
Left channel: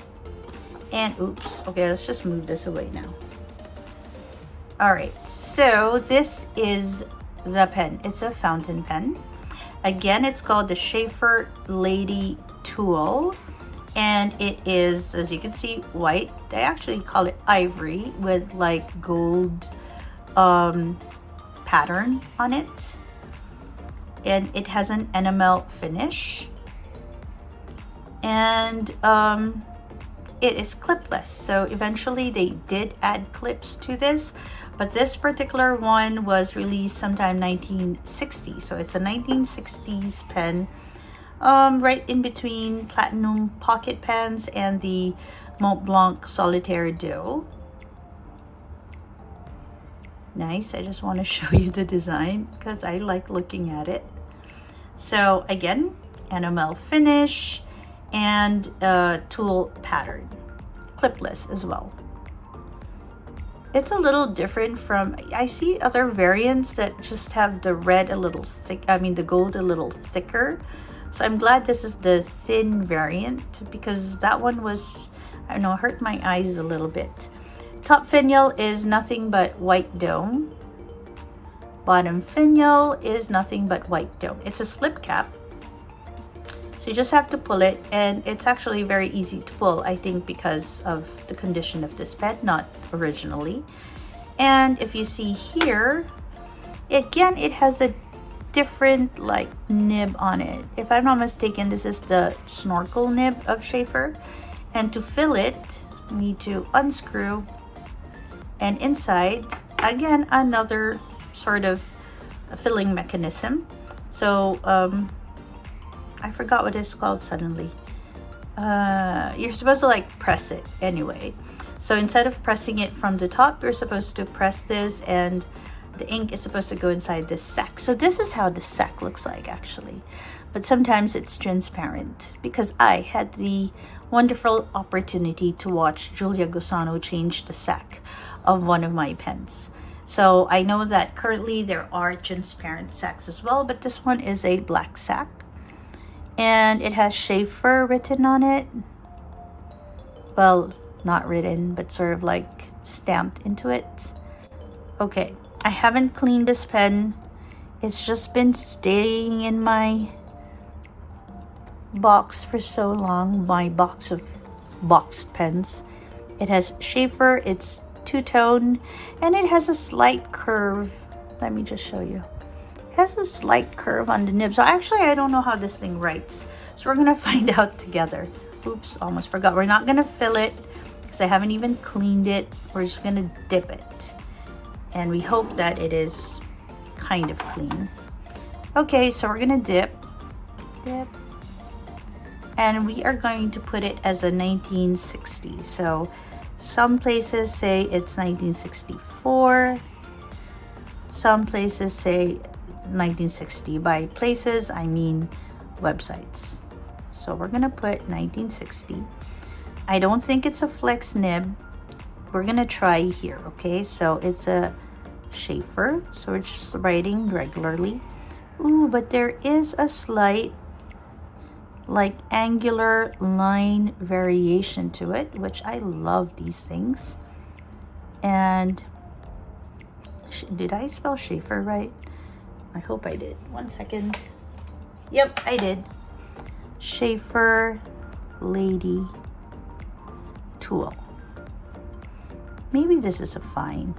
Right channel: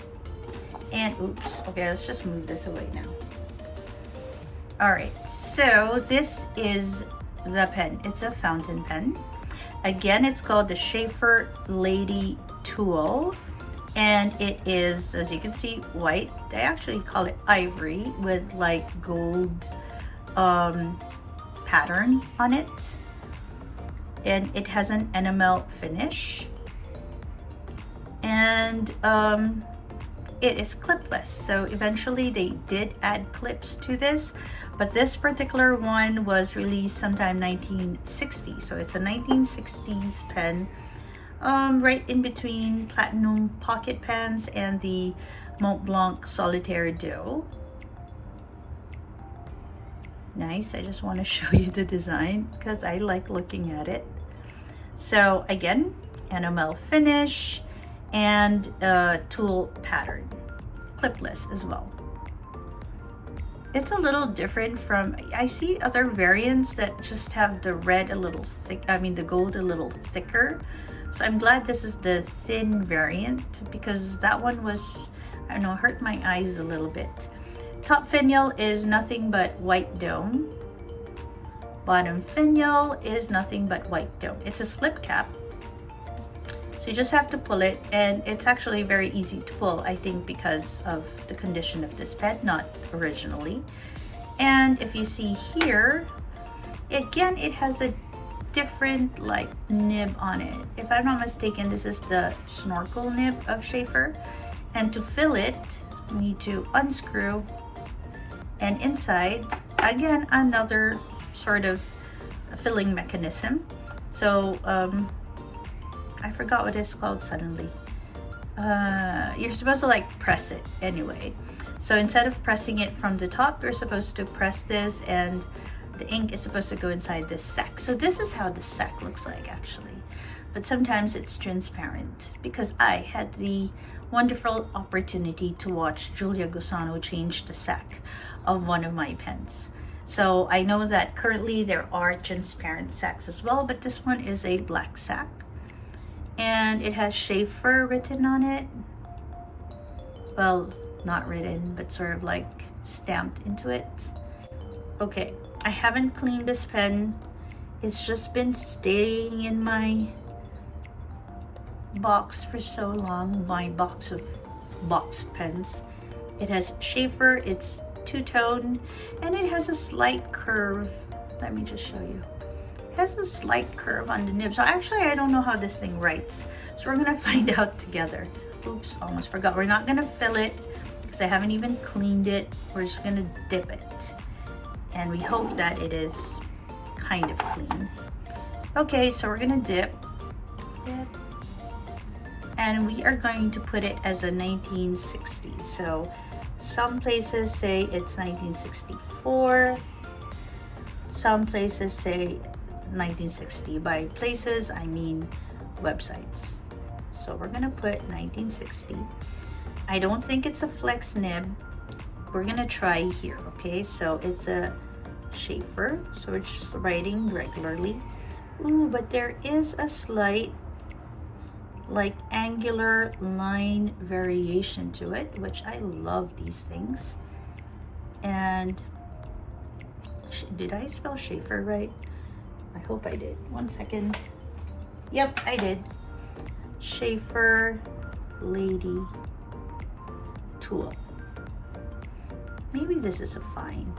And oops, okay, let's just move this away now. All right, so this is the pen. It's a fountain pen. Again, it's called the Schaefer Lady Tool. And it is, as you can see, white. They actually call it ivory with like gold pattern on it. And it has an enamel finish. And it is clipless. So eventually they did add clips to this, but this particular one was released sometime 1960. So it's a 1960s pen. Right in between platinum pocket pens and the Montblanc Solitaire Duo. Nice. I just want to show you the design because I like looking at it. So again, enamel finish and tool pattern, clipless as well. It's a little different from, I see other variants that just have the red a little thick, I mean the gold a little thicker. So I'm glad this is the thin variant because that one was, I don't know, hurt my eyes a little bit. Top finial is nothing but white dome. Bottom finial is nothing but white dome. It's a slip cap. So you just have to pull it, and it's actually very easy to pull, I think because of the condition of this pen, not originally. And if you see here, again, it has a different like nib on it. If I'm not mistaken, this is the snorkel nib of Schaefer. And to fill it, you need to unscrew, and inside, again, another sort of filling mechanism. So I forgot what it's called suddenly. You're supposed to like press it anyway. So instead of pressing it from the top, you're supposed to press this, and the ink is supposed to go inside this sack. So this is how the sack looks like actually, but sometimes it's transparent because I had the wonderful opportunity to watch Julia Gusano change the sack of one of my pens. So I know that currently there are transparent sacks as well, but this one is a black sack and it has Schaefer written on it. Well, not written, but sort of like stamped into it. Okay, I haven't cleaned this pen. It's just been staying in my box for so long, my box of boxed pens. It has Schaefer, it's two-tone, and it has a slight curve. Let me just show you. It has a slight curve on the nib. So actually, I don't know how this thing writes. So we're gonna find out together. Oops, almost forgot. We're not gonna fill it because I haven't even cleaned it. We're just gonna dip it. And we hope that it is kind of clean. Okay, so we're gonna dip. And we are going to put it as a 1960. So some places say it's 1964. Some places say 1960. By places, I mean websites. So we're gonna put 1960. I don't think it's a flex nib. We're gonna try here, okay? So it's a Schaefer, so we're just writing regularly. Ooh, but there is a slight like angular line variation to it, which I love these things. And did I spell Schaefer right? I hope I did. One second. Yep, I did. Schaefer Lady Tool. Maybe this is a fine.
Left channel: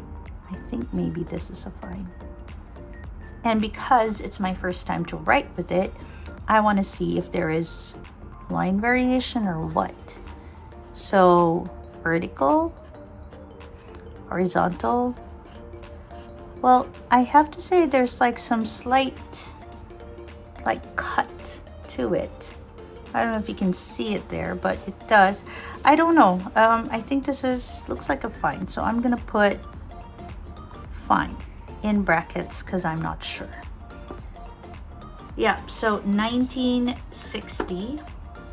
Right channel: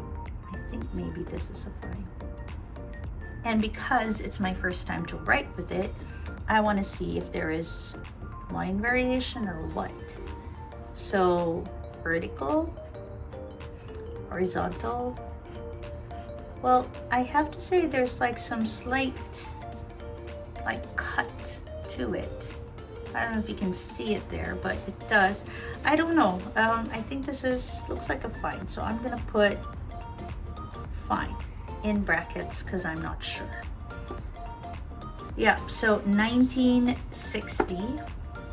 I think maybe this is a fine. And because it's my first time to write with it, I want to see if there is line variation or what. So vertical, horizontal. Well, I have to say there's like some slight like cut to it. I don't know if you can see it there, but it does. I don't know. I think this looks like a fine. So I'm gonna put fine in brackets because I'm not sure. Yeah, so 1960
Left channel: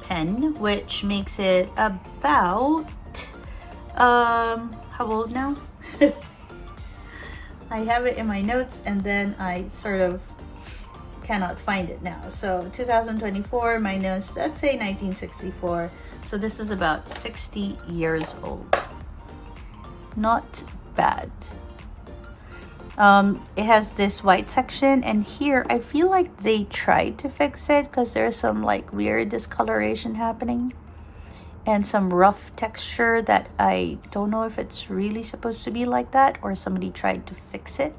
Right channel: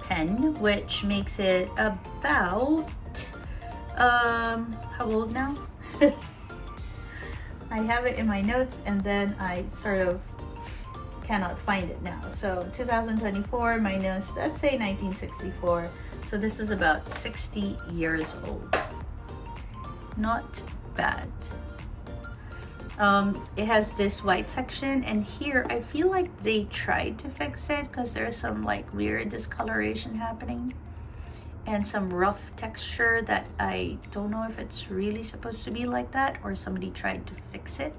pen, which makes it about, how old now? I have it in my notes and then I sort of cannot find it now. So 2024 minus, let's say 1964. So this is about 60 years old. Not bad. It has this white section, and here I feel like they tried to fix it because there's some like weird discoloration happening and some rough texture that I don't know if it's really supposed to be like that or somebody tried to fix it.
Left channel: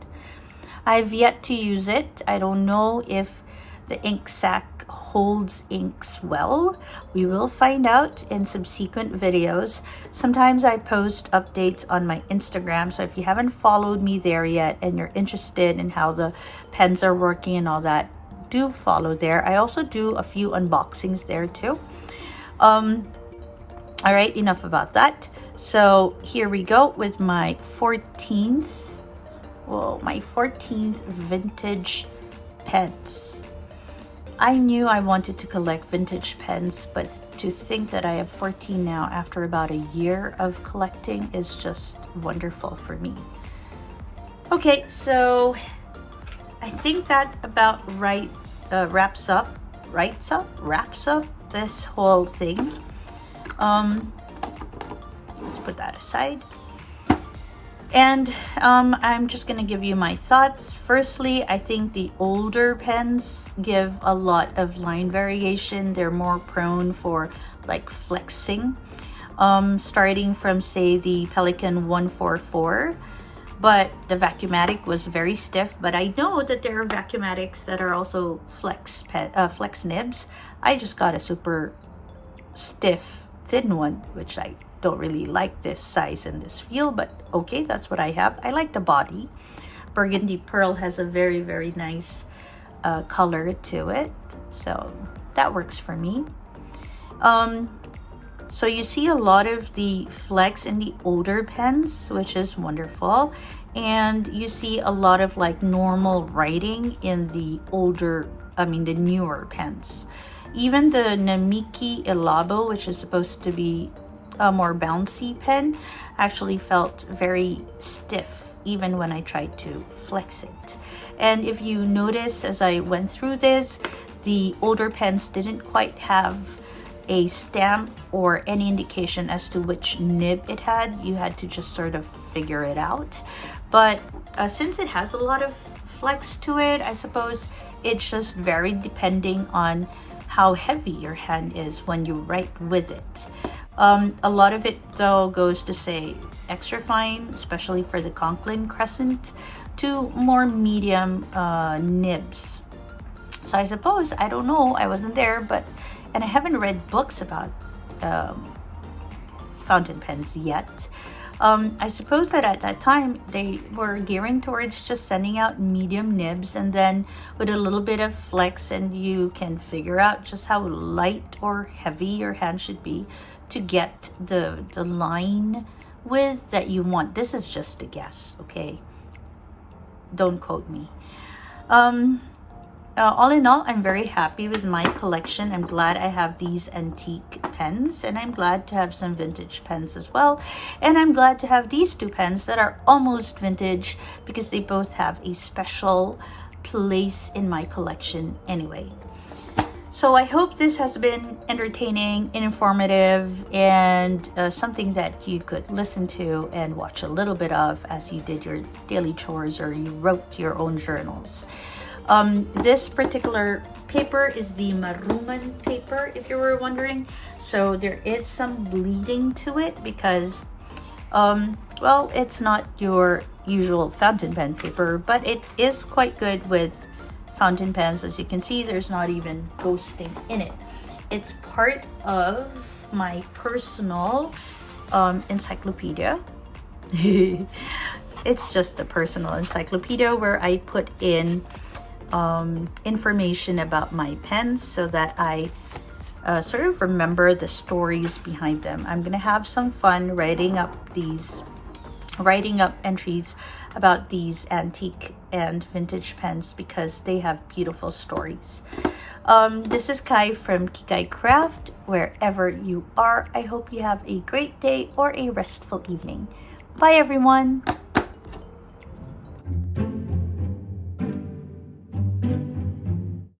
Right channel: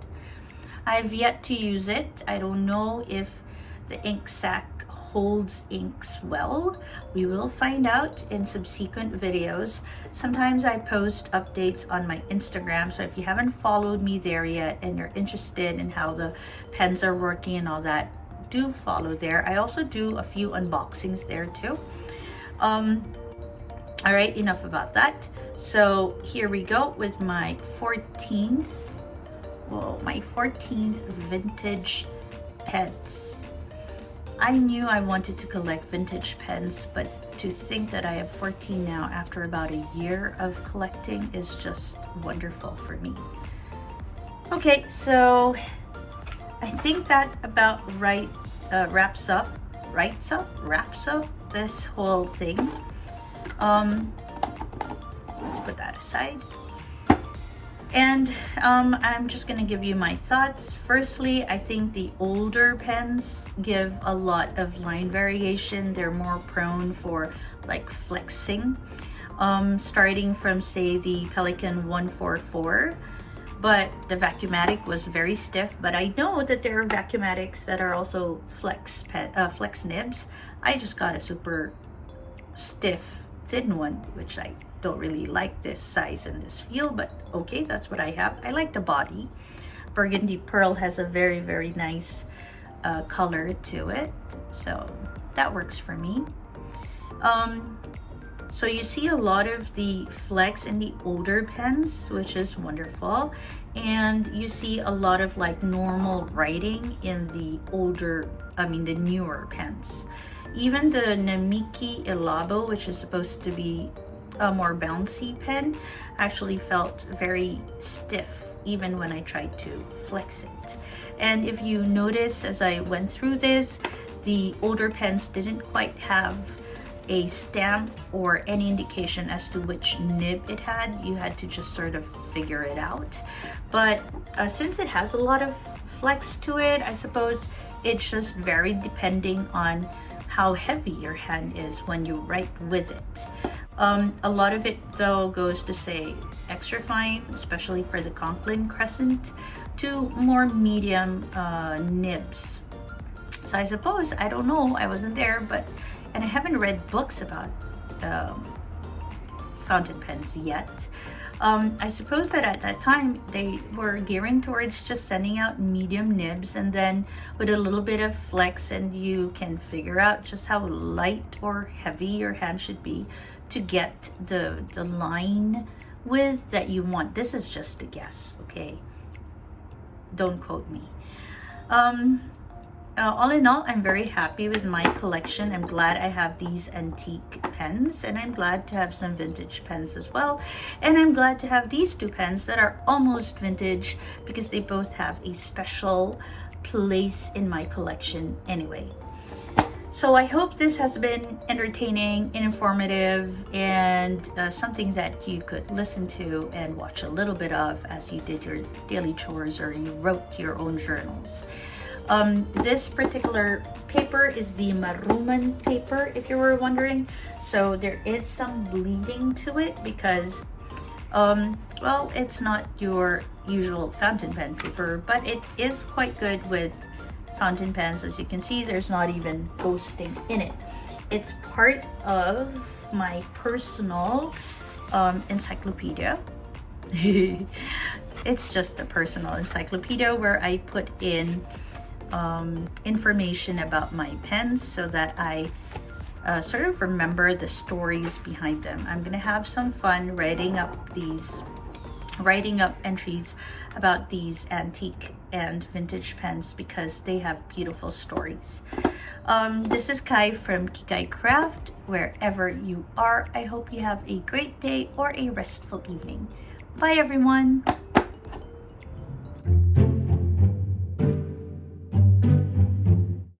I've yet to use it. I don't know if the ink sac holds inks well. We will find out in subsequent videos. Sometimes I post updates on my Instagram, so if you haven't followed me there yet and you're interested in how the pens are working and all that, do follow there. I also do a few unboxings there too. All right, enough about that. So here we go with my 14th vintage pens. I knew I wanted to collect vintage pens, but to think that I have 14 now after about a year of collecting is just wonderful for me. Okay, so I think that about wraps up this whole thing. Let's put that aside. And I'm just gonna give you my thoughts. Firstly, I think the older pens give a lot of line variation. They're more prone for like flexing, starting from say the Pelikan 144, but the Vacuumatic was very stiff. But I know that there are Vacuumatics that are also flex nibs. I just got a super stiff thin one, which I don't really like this size and this feel, but okay, that's what I have. I like the body. Burgundy Pearl has a very, very nice color to it, so that works for me. So you see a lot of the flex in the older pens, which is wonderful, and you see a lot of like normal writing in the the newer pens. Even the Namiki Elabo, which is supposed to be a more bouncy pen, actually felt very stiff even when I tried to flex it. And if you notice as I went through this, the older pens didn't quite have a stamp or any indication as to which nib it had. You had to just sort of figure it out. But since it has a lot of flex to it, I suppose it's just varied depending on how heavy your hand is when you write with it. A lot of it though goes to say extra fine, especially for the Conklin Crescent, to more medium nibs. So I suppose, I don't know, I wasn't there, and I haven't read books about fountain pens yet, I suppose that at that time they were gearing towards just sending out medium nibs, and then with a little bit of flex, and you can figure out just how light or heavy your hand should be to get the line width that you want. This is just a guess, okay? Don't quote me. All in all, I'm very happy with my collection. I'm glad I have these antique pens, and I'm glad to have some vintage pens as well. And I'm glad to have these two pens that are almost vintage, because they both have a special place in my collection anyway. So I hope this has been entertaining, informative, and something that you could listen to and watch a little bit of as you did your daily chores or you wrote your own journals. This particular paper is the Waterman paper, if you were wondering. So there is some bleeding to it because, well, it's not your usual fountain pen paper, but it is quite good with fountain pens. As you can see, there's not even ghosting in it. It's part of my personal encyclopedia. It's just a personal encyclopedia where I put in information about my pens so that I sort of remember the stories behind them. I'm gonna have some fun writing up entries about these antique and vintage pens because they have beautiful stories. This is Kai from Kikai Craft. Wherever you are, I hope you have a great day or a restful evening. Bye everyone.